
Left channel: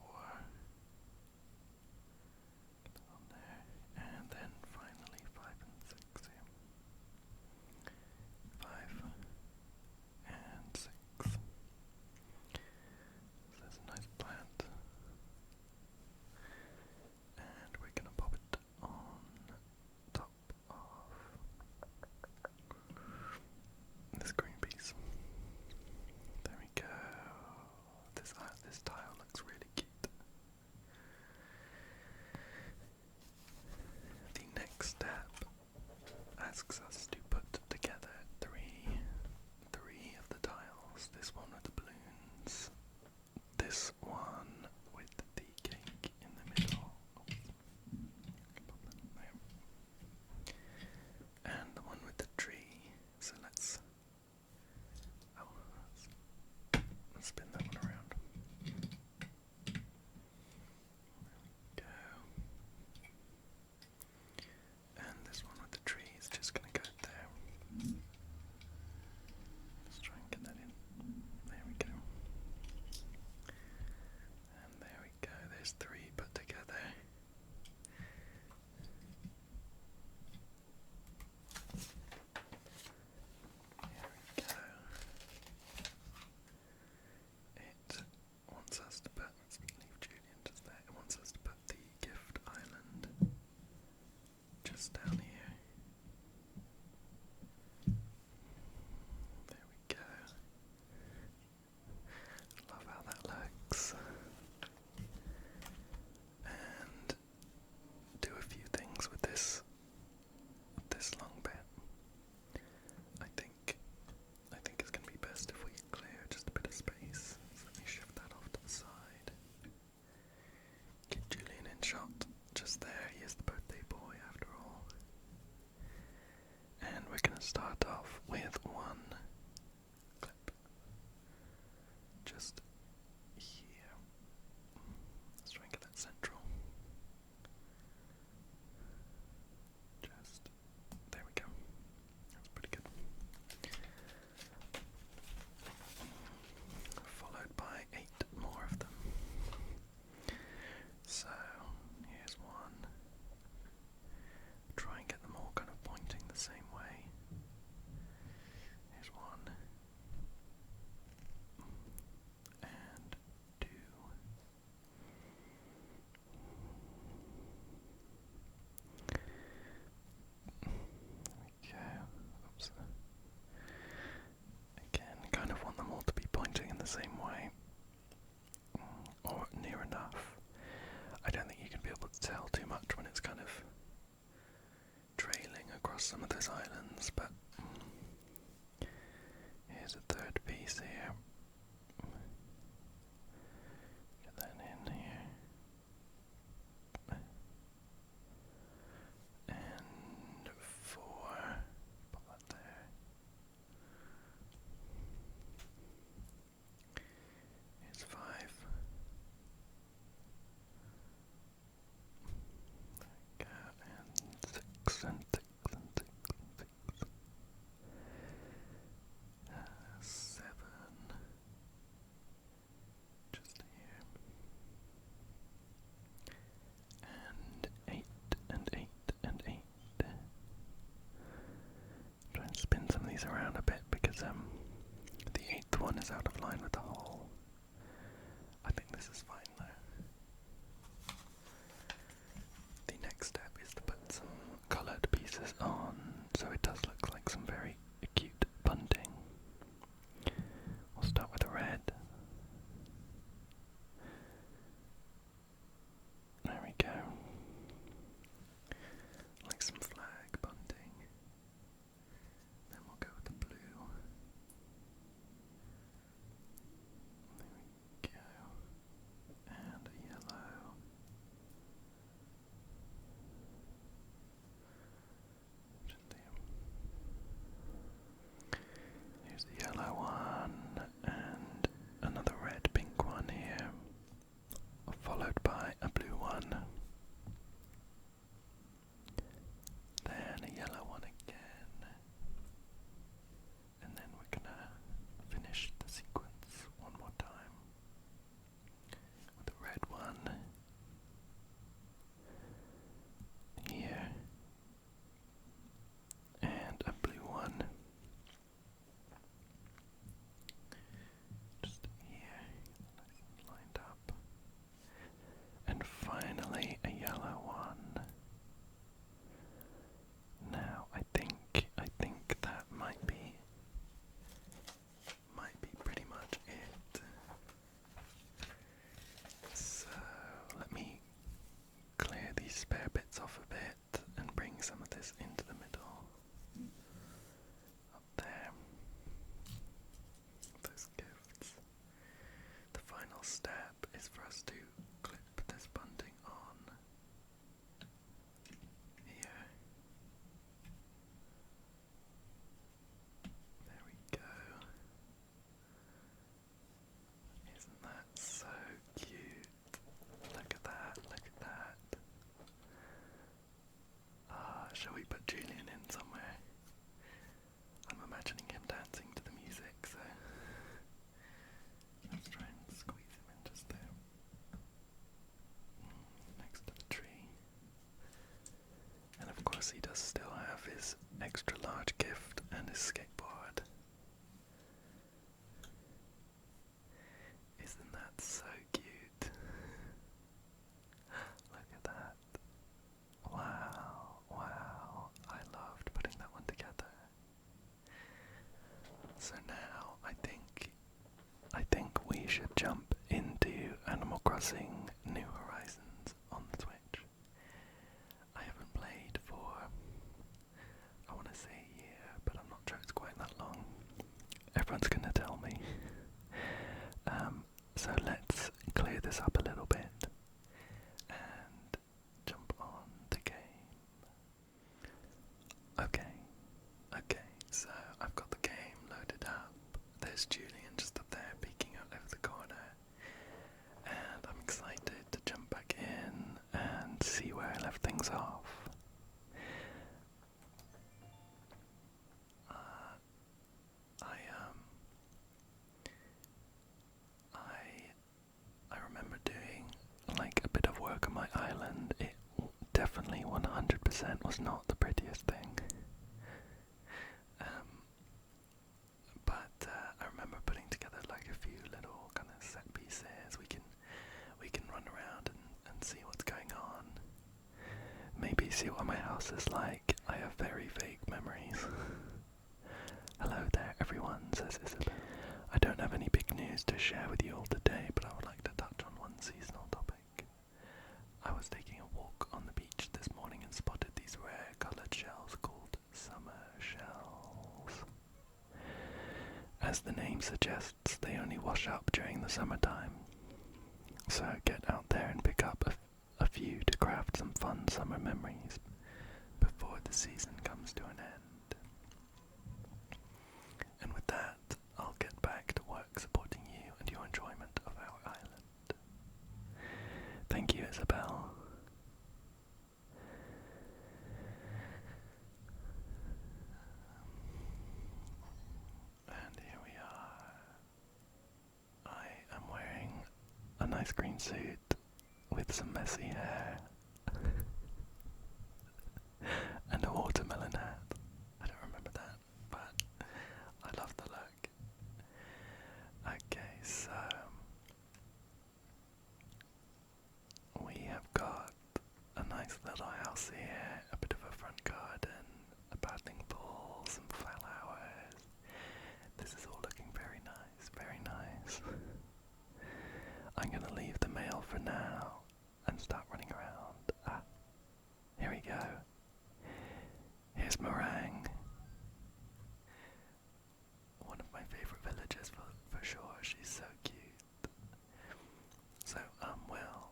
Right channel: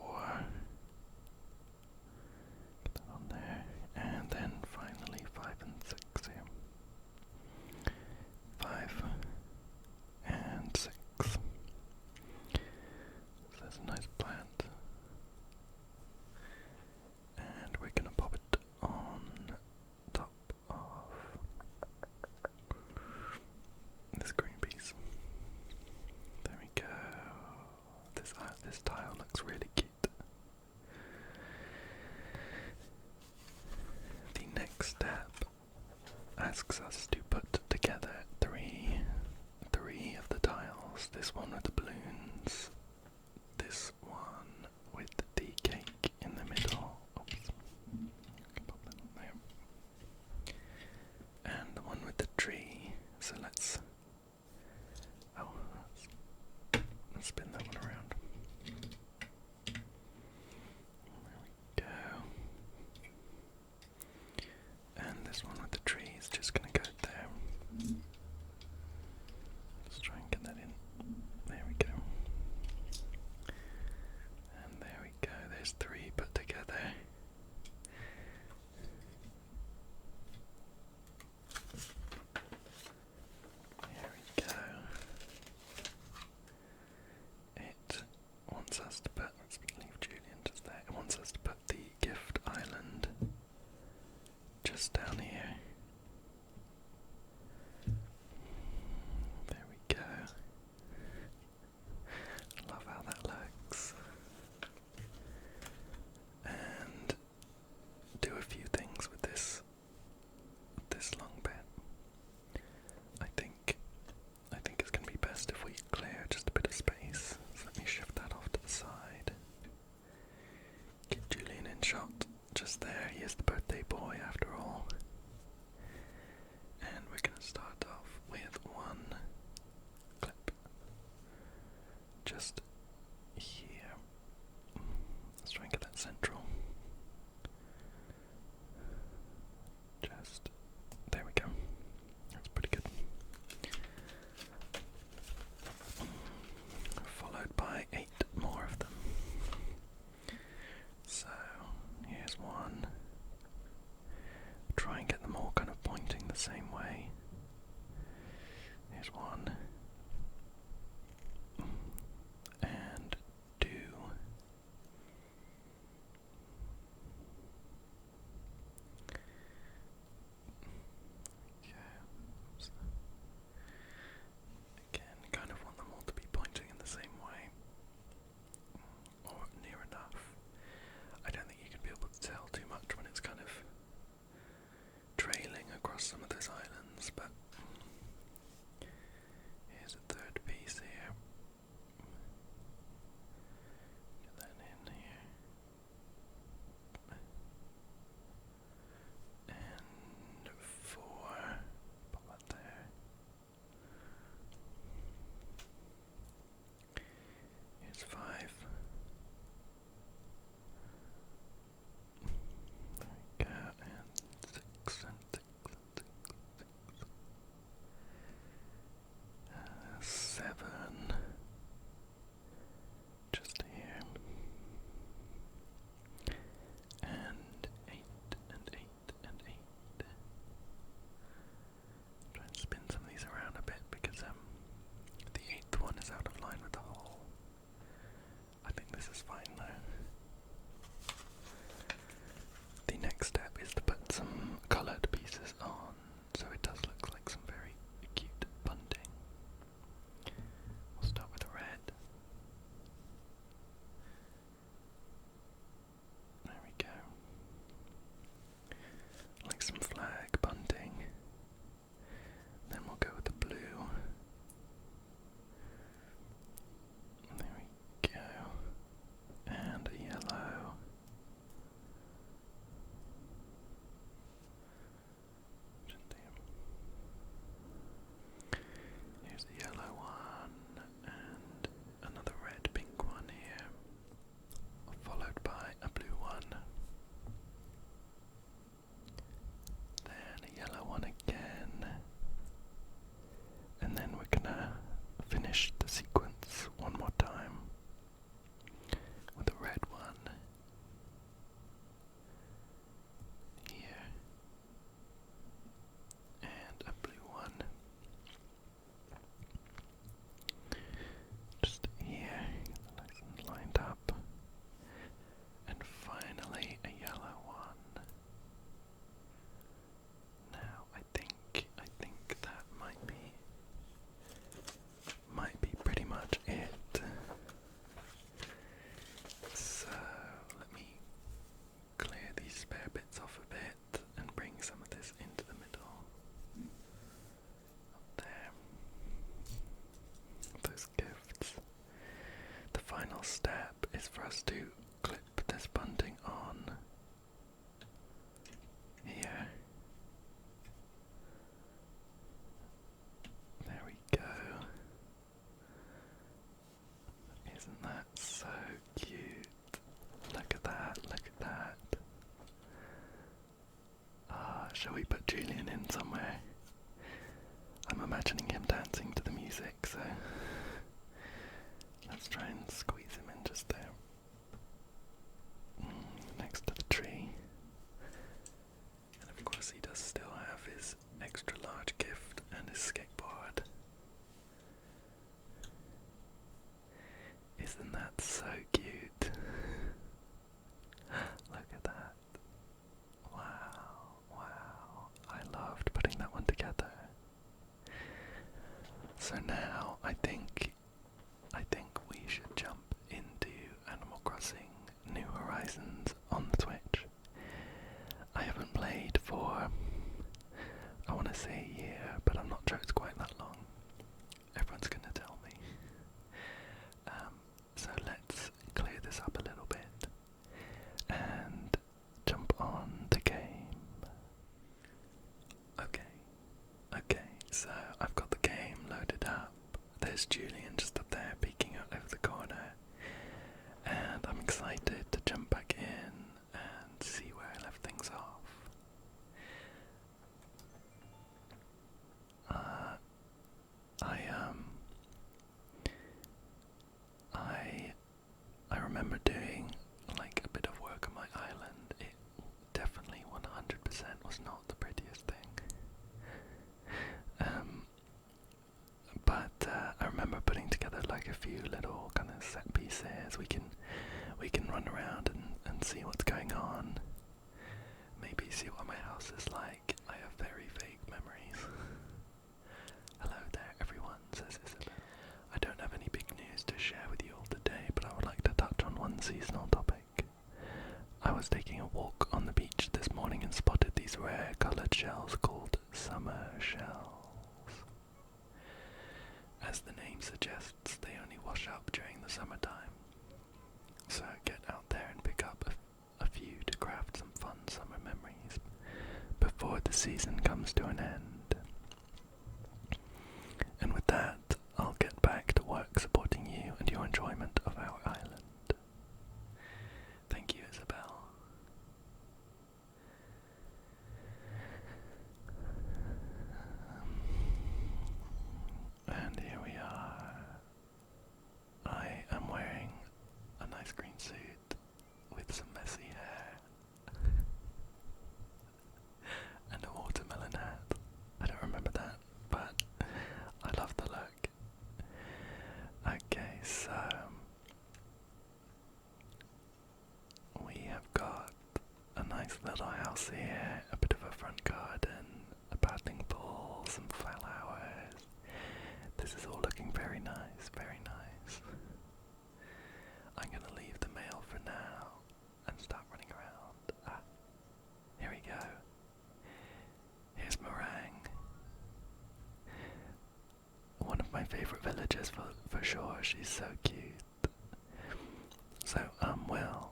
Get that on there. And then finally 5 and 6 here. 5 and 6. So there's a nice plant. And we're going to pop it on top of this green piece. There we go. This tile looks really cute. The next step asks us to put together three of the tiles. This one with the balloons, this one with the cake in the middle. Oops. Pop that on there. And the one with the tree. So let's spin that one around. There we go. And this one with the tree is just going to go there. Let's try and get that in. There we go. And there we go. There's 3 put together. There we go. It wants us to put, let's leave Julian just there. It wants us to put the gift island just down here. There we go. Love how that looks. And do a few things with this long bit. I think it's going to be best if we clear just a bit of space. So let me shift that off to the side. Get Julian in shot just there. He is the birthday boy after all. And we're going to start off with 1 clip just here. Let's try and get that central. Just there we go. That's pretty good. Followed by 8 more of them. So here's 1. Try and get them all kind of pointing the same way. Here's 1. camera's out of line with the hole. I think this is fine though. The next step is to put some coloured pieces on, so it does look like some very cute bunting. We'll start with a red. There we go. Like some flag bunting. Then we'll go with the blue. There we go. And a yellow. Here's the yellow one, and another red pink one here, followed by a blue one, then a yellow one again, and then we're gonna finish the sequence one more time with a red one here, and a blue one just here, nice and lined up, and finally a yellow one. Now I think that might be pretty much it. So let me clear these spare bits off a bit and bring some of this into the middle. Up there. Those gifts. The final step is for us to clip this bunting on here. There we go. Isn't that so cute? Look at that, look at that. Shall we put Julian in somewhere? I'm imagining him dancing to the music, so let's try and squeeze him in just there. Next to the tree. And of course he does still have his extra large gift and his skateboard. Isn't that so cute? Look at that. Wow, wow. I loved putting that one together. So now I think we should jump into Animal Crossing New Horizons on the Switch. I haven't played for, I want to say a year, but I'm not sure it's quite that long. Everyone's gonna tell me. So let's clear this up a little bit and jump on the game. Okay, so I've got the game loaded up. There's Julian just up there peeking out over the corner, and I'm excited to jump back in and see where I left things off. I remember doing like a bit of work on my island. It definitely 100% was not the prettiest thing. But I remember putting together like a few little kind of set pieces. We can run around and see what's going on. Maybe see what my house is like. I have very vague memories. Hello there everyone, says Isabel. I don't have any big news to share with you all today, but I would like to touch on one seasonal topic. I was taking a walk on the beach this morning and spotted these rare coloured shells called summer shells. As the name suggests, they only wash up during the summertime. So get out there and pick up a few to craft some fun summer memories before the season comes to an end. And with that, I'll get back to work supporting you and your enjoyment of our island. Thank you, Isabel. And here we are. I am wearing a nice green suit with some messy hair and a watermelon hat. I don't remember that, but I love the look. I'm gonna leave the mail for now and start running around. Ah, here we go. Here's Meringue. One of my favourite villagers for sure. She's so cute. So, well,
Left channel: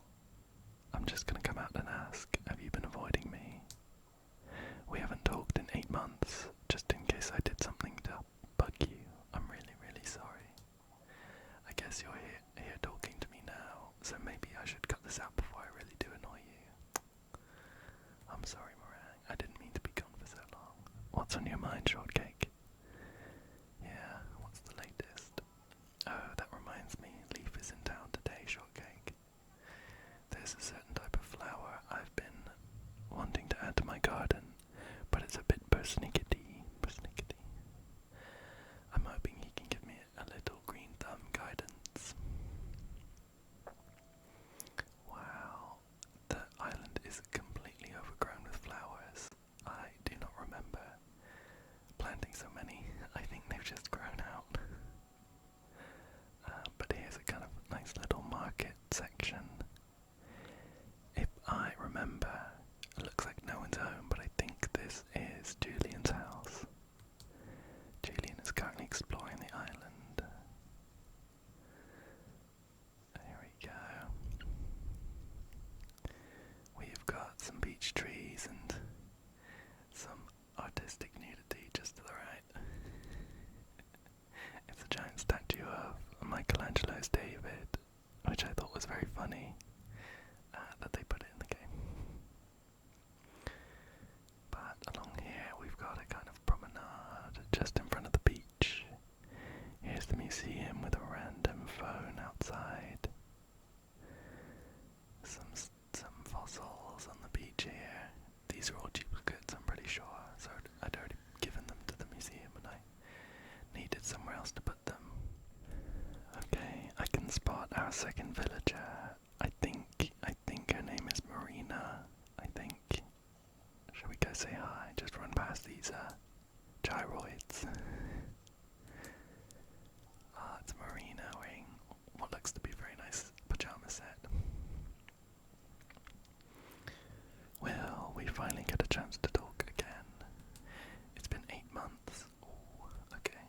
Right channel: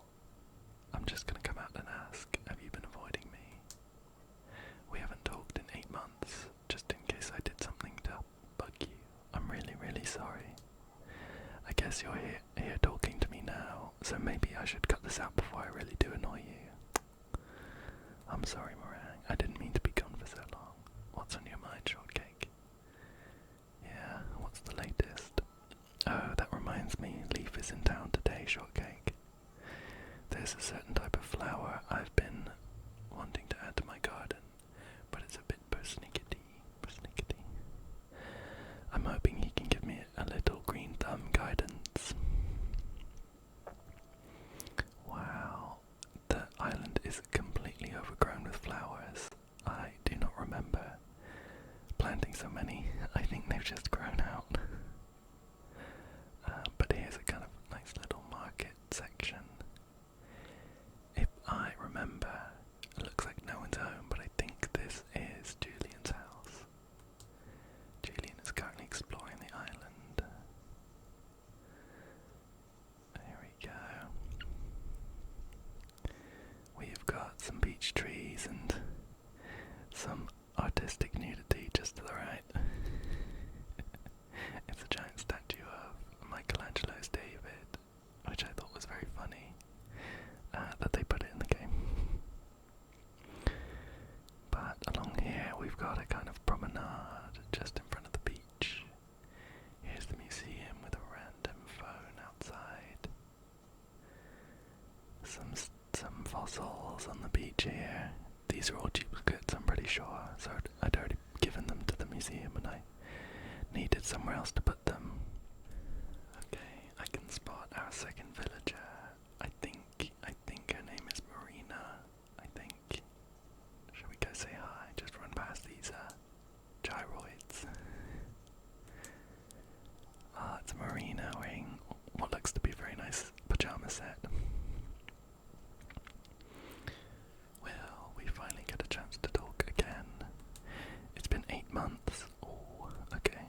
I'm just gonna come out and ask, have you been avoiding me? We haven't talked in 8 months, just in case I did something to bug you. I'm really, really sorry. I guess you're here talking to me now, so maybe I should cut this out before I really do annoy you. I'm sorry, Meringue. I didn't mean to be gone for so long. What's on your mind, Shortcake? Yeah, what's the latest? Oh, that reminds me, Leaf is in town today, Shortcake. There's a certain type of flower I've been wanting to add to my garden, but it's a bit persnickety. I'm hoping he can give me a little green thumb guidance. Wow, the island is completely overgrown with flowers. I do not remember planting so many. I think they've just grown out. But here's a kind of nice little market section. If I remember, it looks like no one's home, but I think this is Julian's house. Julian is currently exploring the island. Here we go. We've got some beech trees and some artistic nudity just to the right. It's a giant statue of Michelangelo's David, which I thought was very funny that they put it in the game. But along here we've got a kind of promenade just in front of the beach. Here's the museum with a random phone outside. Some fossils on the beach here. These are all duplicates, I'm pretty sure, so I'd already given them to the museum and I needed somewhere else to put them. Okay, I can spot our second villager. I think her name is Marina. I think. Shall we go say hi? Just run past these gyroids. It's Marina wearing what looks to be a very nice pajama set. Well, we finally get a chance to talk again. It's been 8 months. Oh, okay,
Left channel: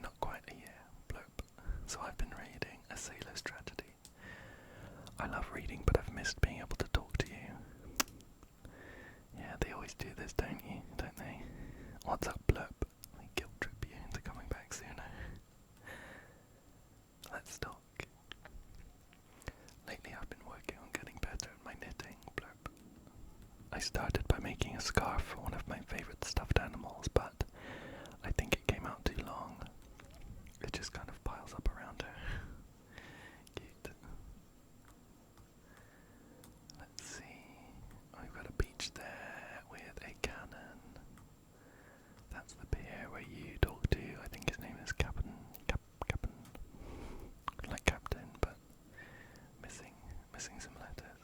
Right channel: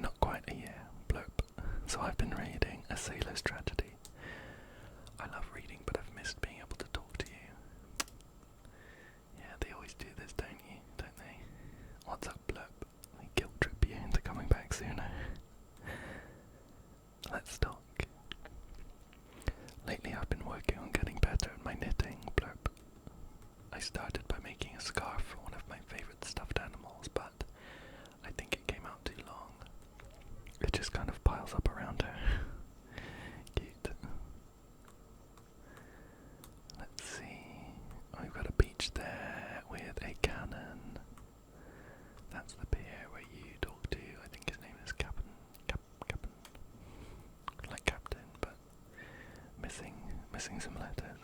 not quite a year. Blurp. So I've been reading A Sailor's Tragedy. I love reading, but I've missed being able to talk to you. Yeah, they always do this, don't they? What's up, Blurp? They guilt trip you into coming back sooner. Let's talk. Lately I've been working on getting better at my knitting, Blurp. I started by making a scarf for one of my favourite stuffed animals, but I think it came out too long. It just kind of piles up around her. Cute. Let's see. We've got a beach there with a cannon. That's the pier where you talk to, I think his name is Captain. Like Captain, but missing some letters.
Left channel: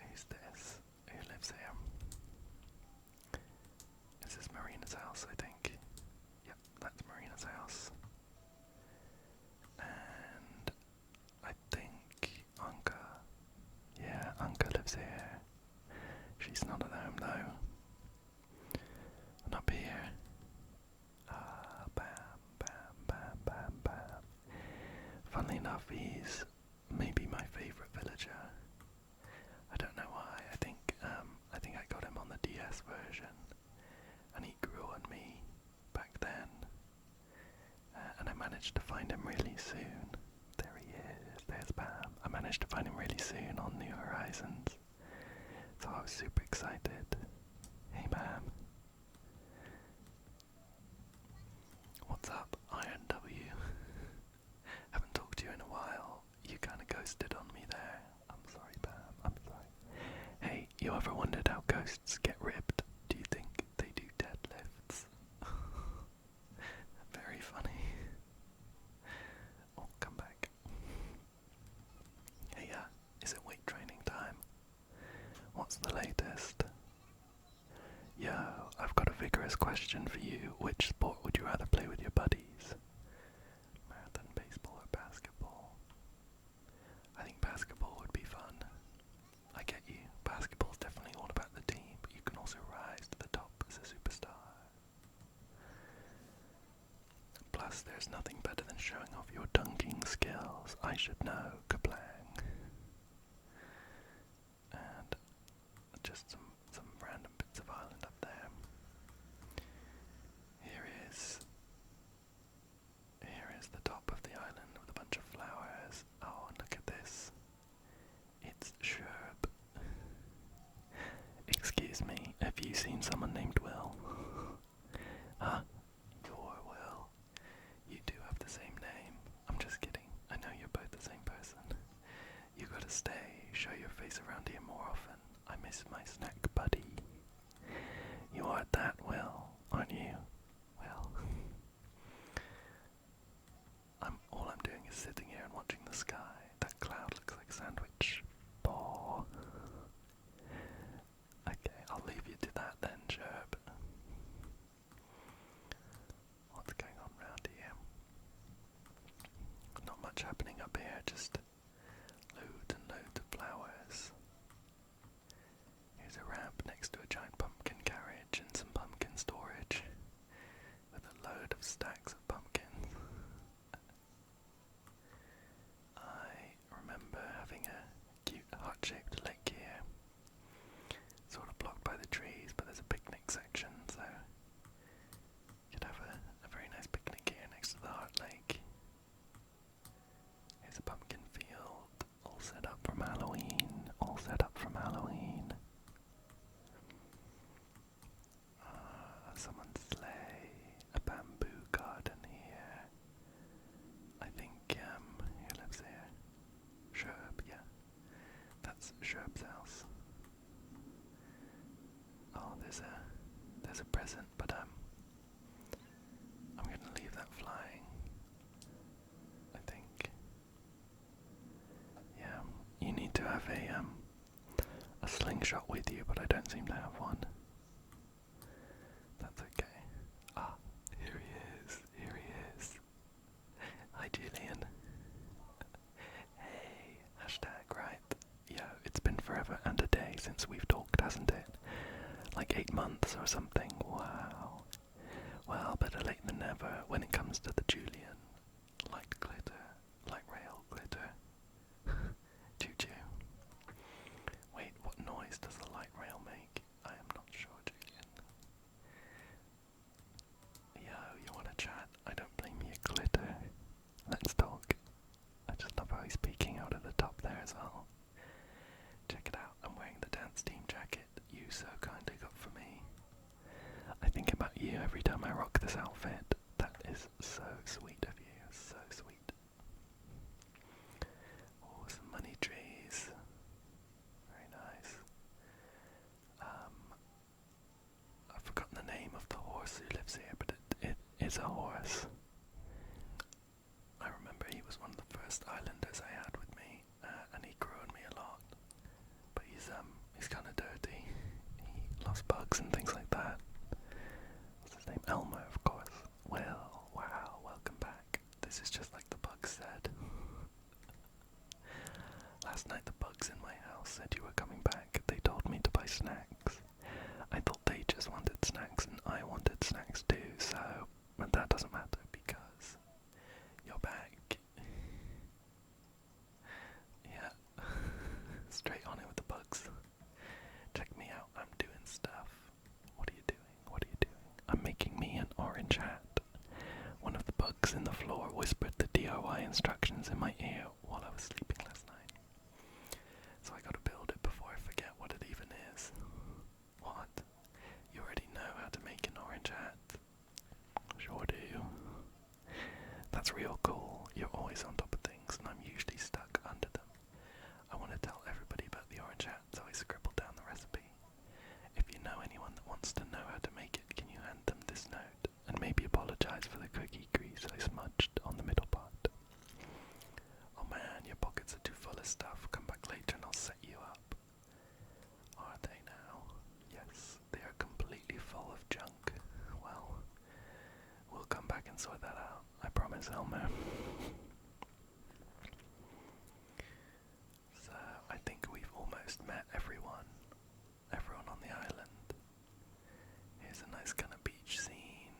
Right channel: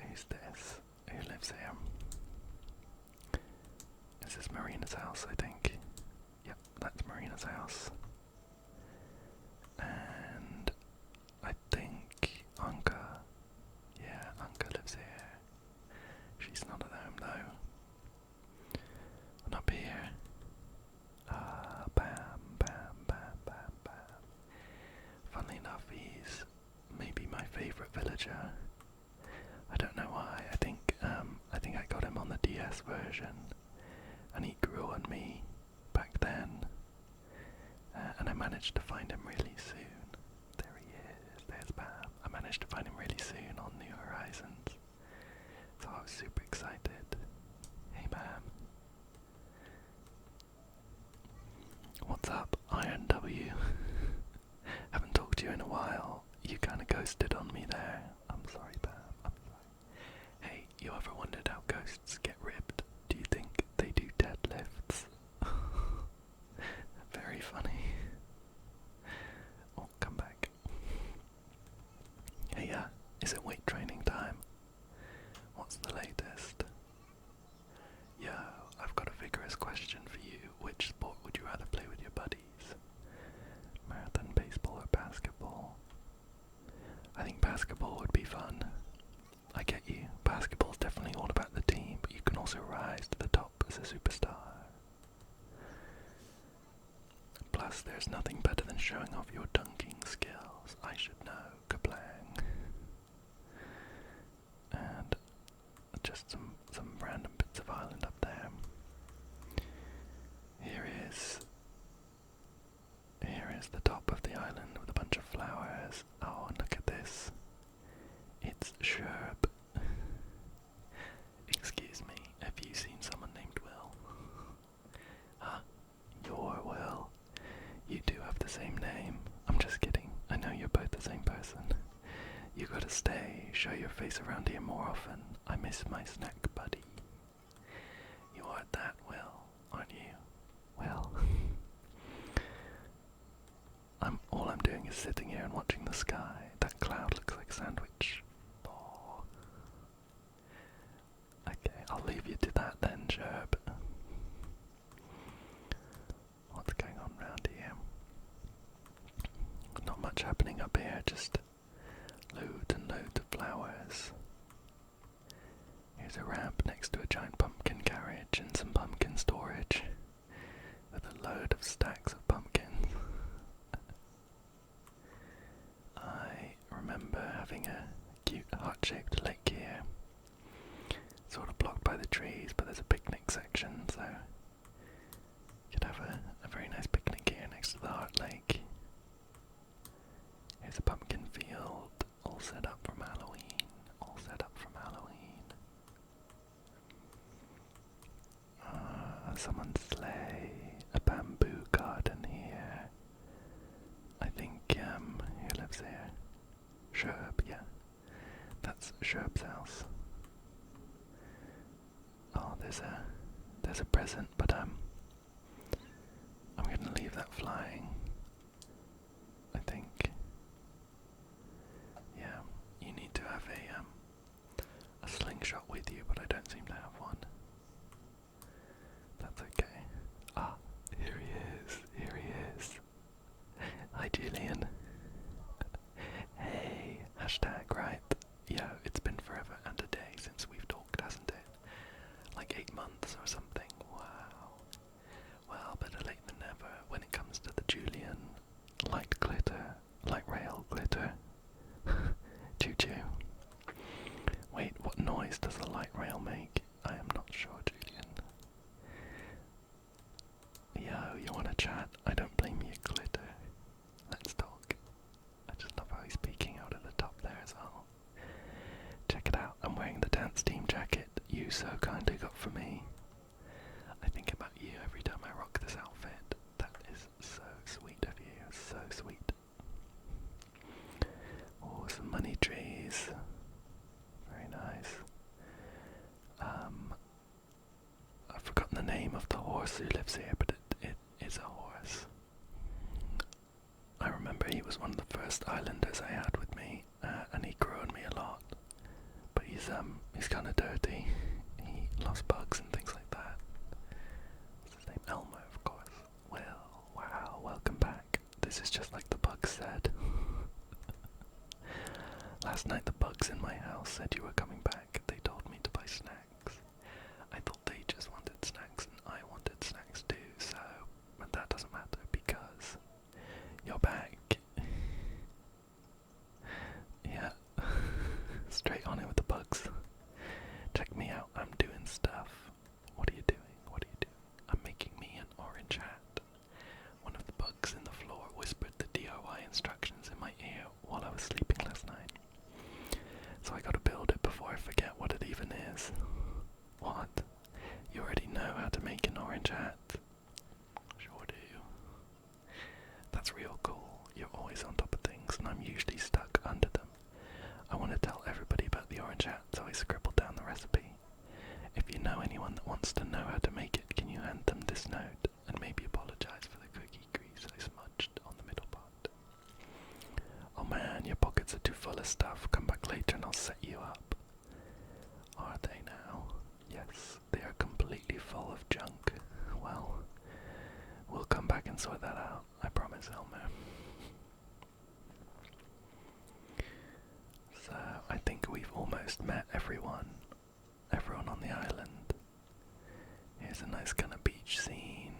Who's this? Who lives here? This is Marina's house, I think. Yep, that's Marina's house. And I think Anka. Yeah, Anka lives here. She's not at home though. And up here. Bam. Funnily enough, he's maybe my favourite villager. I don't know why. I think I got him on the DS version, and he grew on me back then. And I managed to find him really soon. There he is. There's Bam. I managed to find him really soon on New Horizons, so I was super excited. Hey, Bam. What's up, Iron W? Haven't talked to you in a while. You kinda ghosted on me there. I'm sorry, Bam. I'm sorry. Hey, you ever wondered how ghosts get ripped? Do you think they do deadlifts? Very funny. Oh, come back. Hey, is it weight training time? What's the latest? Yo, I've got a vigorous question for you. Which sport would you rather play with your buddies? Yes, there's nothing better than showing off your dunking skills. I should know. Kablang. And just some random bits of island up there. Here is the top of the island with a bunch of flowers. Oh, and look at this. It's Sherb. Excuse me, have you seen someone named Will? Huh? You're Will. You do have the same name. I'm just kidding. I know you're both the same person. You gotta stay, show your face around here more often. I miss my snack buddy. You are that Will, aren't you? Well, all I'm doing is sitting here and watching the sky. That cloud looks like a sandwich. Ball. Okay, I'll leave you to that then, Sherb. What's going on round here? Not much happening up here, just loads and loads of flowers. Here's a ramp next to a giant pumpkin carriage and some pumpkin storage with a load of stacks of pumpkins. I remember having a cute heart-shaped lake here, sort of blocked by the trees, but there's a picnic section, so you could have a very nice picnic here next to the heart lake. Here's a pumpkin field, all set up from Halloween, Someone's sleigh, a bamboo garden here. I think, who lives here? Sherb, yeah. That's Sherb's house. Oh, there's a present, but I'm gonna leave that flying. I think. Yeah, you need to have a slingshot with you, but I don't seem to have one. That's okay. Ah, here he is. Hi, Julian. Hey, hashtag, right? Yeah, it's been forever and a day since we've talked, hasn't it? Like 8 months or something. Wow. Well, better late than never when it comes to the Julian. Light glitter, light rail glitter. Choo-choo. Wait, what noise does the light rail make? I am not sure, Julian. Yo, you wanna chat? I don't blame you, glitter. Let's talk. I just love how he's peeking out at the top there as well. Check it out, I'm wearing the dance team jacket you so kindly got for me. I think about you every time I rock this outfit. That is so sweet of you, so sweet. Oh, some money trees. Very nice. I've forgotten the name of the horse who lives here, but it is a horse. I remember he was one of the first islanders I had with me, and he grew on me a lot. But he's kind of dirty. He loves bugs and things like that. What's his name? Elmer, of course. Well, wow, welcome back. This is just like the bugs said. Last night the bugs in my house said you were coming back. They told me to buy snacks. I thought they just wanted snacks and I wanted snacks too, so... But that doesn't matter because you're back. Yeah. Straight on it with the bugs. Check me out, I'm doing stuff. What are you doing? I'm making me an orange hat. One of the bugs in the floor whispered the DIY instructions in my ear while I was sleeping last night. So I gotta build it before I forget what it even is. What? You already know how to make an orange hat? Sure do. That's real cool. You're always on top of things and I'm usually stuck under them. I want to tell everybody about the orange hat, so I scribbled down the recipe. If you know anyone that wants to know how to make it, can you hand them this note and maybe apologize for the cookie grease I smudged on the middle part? Oh man, your pockets are too full of stuff. Come back later and I'll set you up. Are they now? Yes, they are completely full of junk. Well, we'll come back and sort that out. I promise, Elmer. So, I think we've almost met everyone on the island. Here's a nice kind of beach scene.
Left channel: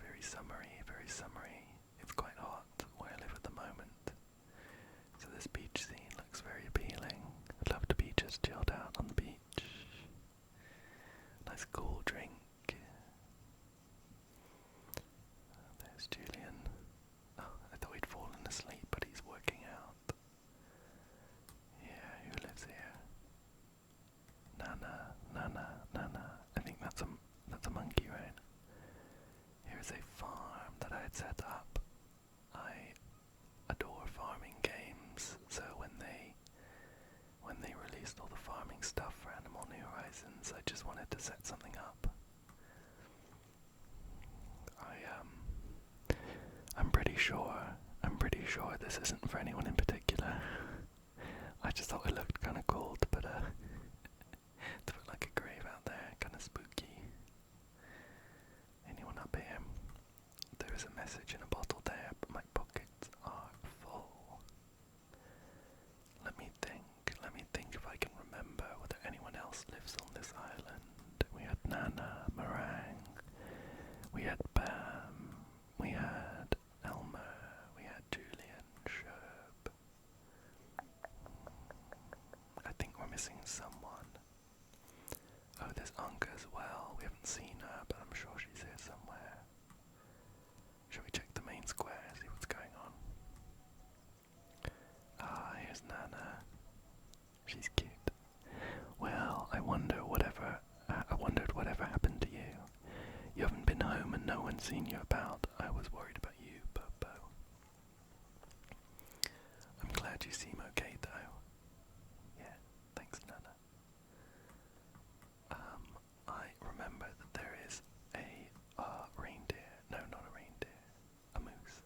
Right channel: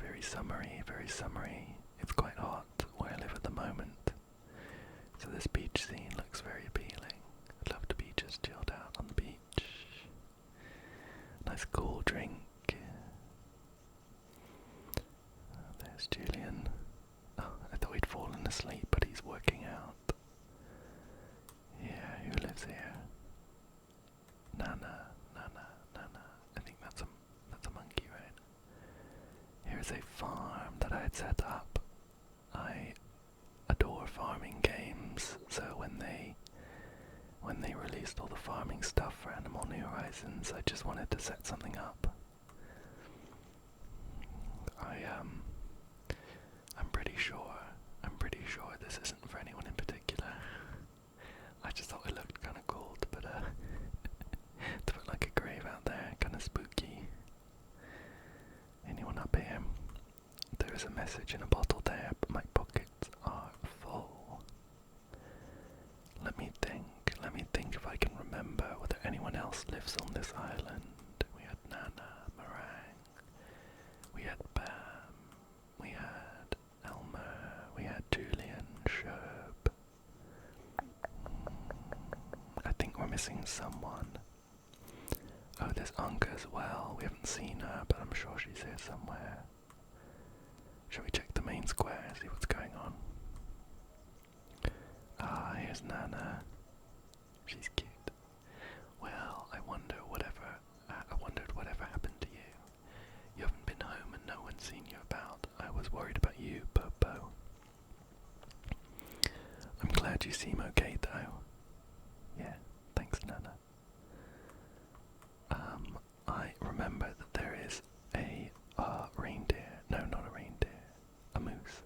Very summery, very summery. nice cool drink. There's Julian. Oh, I thought he'd fallen asleep, but he's working out. Yeah, who lives here? Nana. I think that's a monkey, right? Here's a farm that I had set up. I adore farming games, so when they released all the farming stuff for Animal New Horizons, I just wanted to set something up. I'm pretty sure this isn't for anyone in particular. I just thought it looked kind of cool to put like a grave out there, kind of spooky. Anyone up here? There is a message in a bottle there, but my pockets are full. Let me think if I can remember whether anyone else lives on this island. We had Nana, Meringue, we had Bam, we had Elmer, we had Julian, Sherb. I think we're missing someone. Oh, there's Anka as well. We haven't seen her, but I'm sure she's here somewhere. Shall we check the main square, see what's going on? Ah, here's Nana. She's cute. Well, I wondered whatever happened to you. You haven't been home and no one's seen you about. I was worried about you, Popo. I'm glad you seem okay, though. Yeah, thanks, Nana. I remember that there is a reindeer. No, not a reindeer. A moose.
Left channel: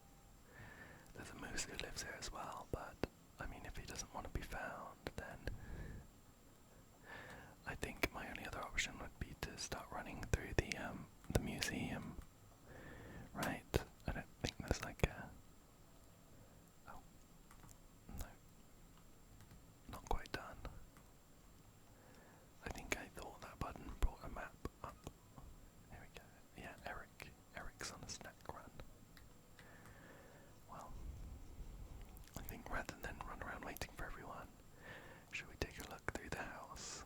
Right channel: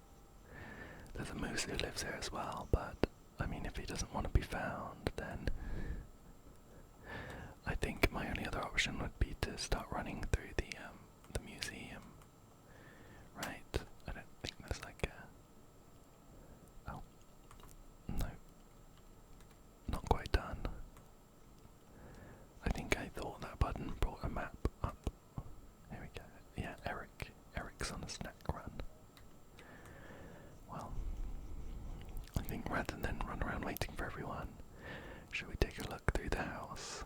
There's a moose who lives here as well, but I mean, if he doesn't want to be found, then I think my only other option would be to start running through the museum. Right? I don't think there's like a... Oh. No. Not quite done. I think I thought that button brought a map up. Here we go. Yeah, Eric's on a snack run. Well, I think rather than run around waiting for everyone, should we take a look through the house?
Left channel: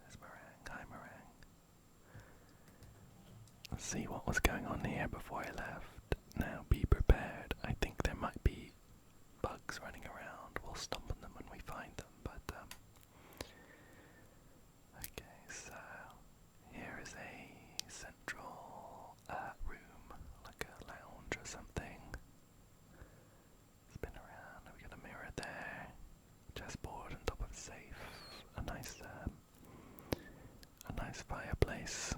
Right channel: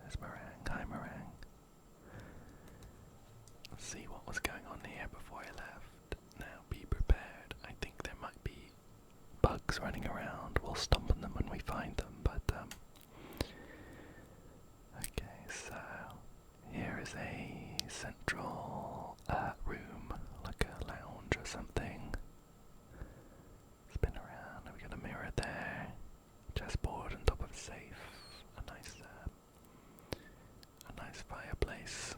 There's Meringue. Hi, Meringue. Let's see what was going on here before I left. Now, be prepared. I think there might be bugs running around. We'll stomp on them when we find them, but, okay, so here is a central room, like a lounge or something. Spin around. We got a mirror there. Chessboard on top of a safe. A nice fireplace.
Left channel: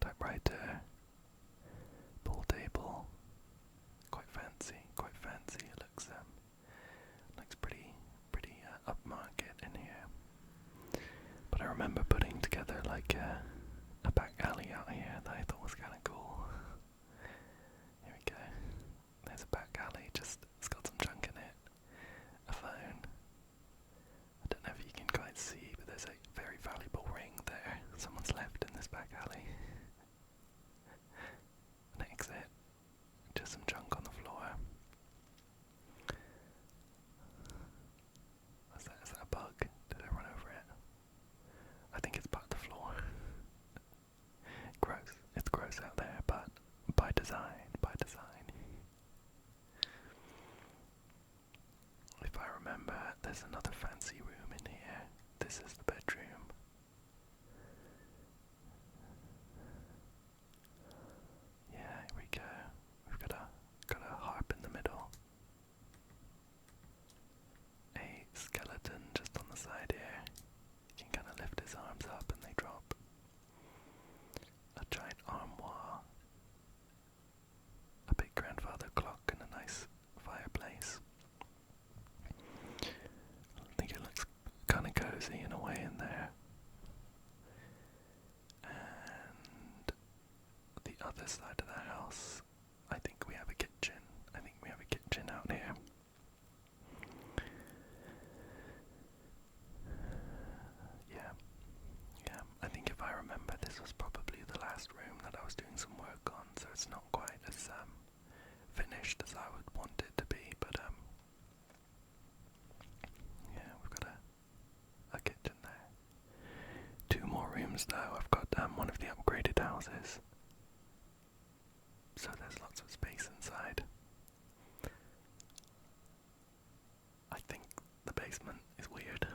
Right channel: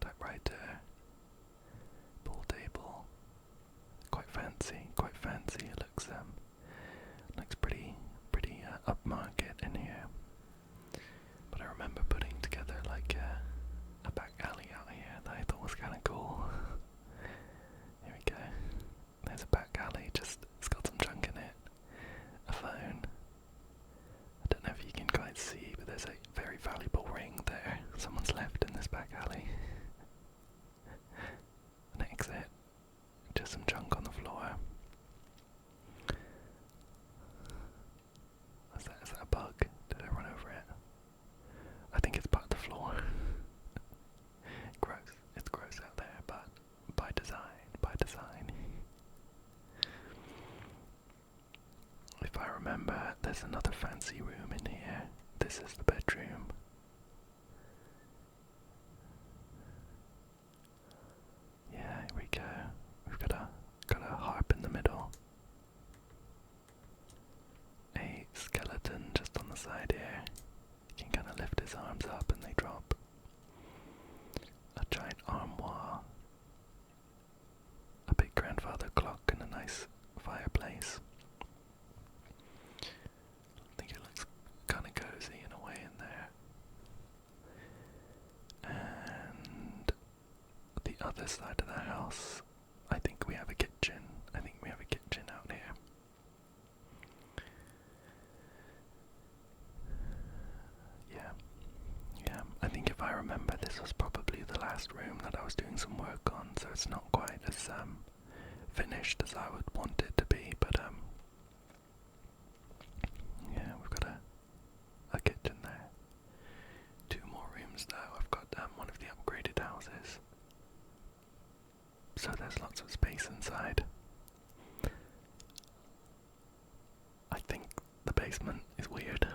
Typewriter. Pool table. Quite fancy. It looks pretty upmarket in here. But I remember putting together like a back alley out here that I thought was kind of cool. Here we go. There's a back alley, it's got some junk in it. A phone. I don't know if you can quite see, but there's a very valuable ring there. Someone's left in this back alley. An exit. Just some junk on the floor. Is that a bug? Did I run over it? I think it's part of the floor. Gross. It's gross out there, but by design. If I remember, there's another fancy room in here. This is the bedroom. Yeah, here we go. We've got a harp in the middle. A skeleton just on the side here. He can kind of lift his arms up and they drop. A giant armoire. A big grandfather clock and a nice fireplace. I think it looks kind of cozy in a way in there. And the other side of the house, I think we have a kitchen. Out here. Yeah. I think if I remember, this was probably the last room that I was doing some work on, so it's not quite as finished as I would want it to be, but yeah, we've got a kitchen there. 2 more rooms though. I've so there's lots of space inside. I think the basement is weird.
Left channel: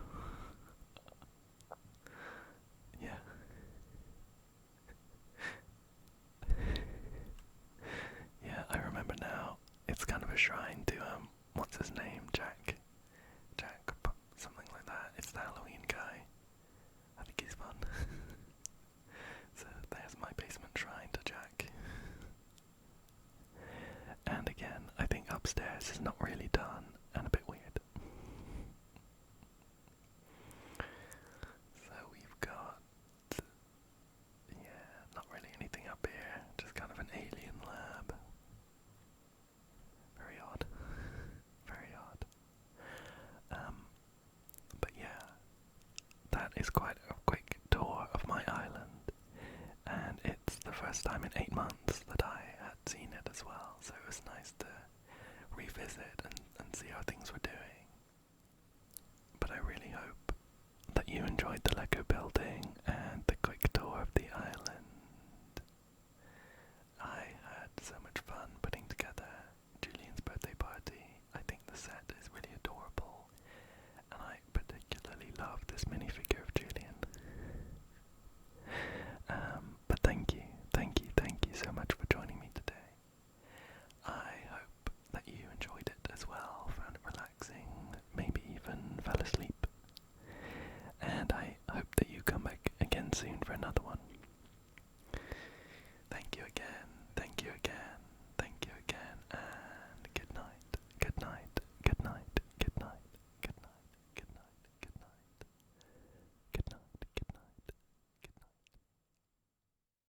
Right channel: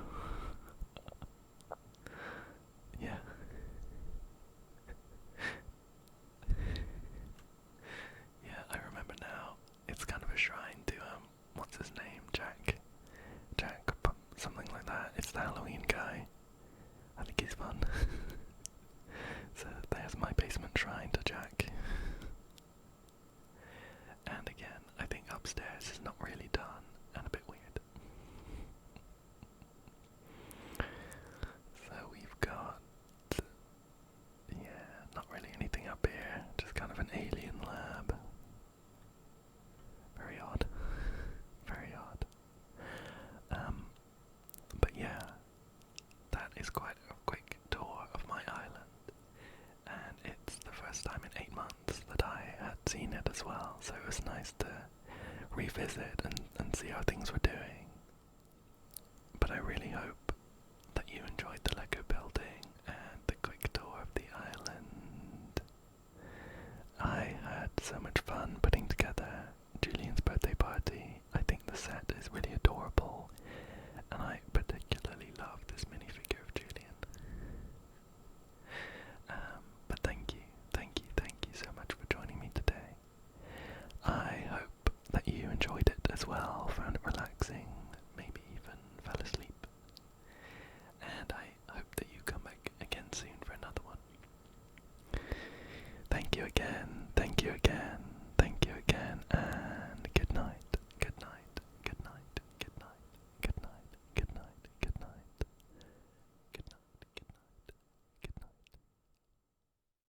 Yeah. Yeah, I remember now. It's kind of a shrine to, what's his name? Jack, something like that. It's the Halloween guy. I think he's fun. So there's my basement shrine to Jack. And again, I think upstairs is not really done and a bit weird. So we've got, yeah, not really anything up here, just kind of an alien lab. Very odd. Very odd. But yeah, that is quite a quick tour of my island, and it's the first time in 8 months that I had seen it as well, so it was nice to revisit and see how things were doing. But I really hope that you enjoyed the Lego building and the quick tour of the island.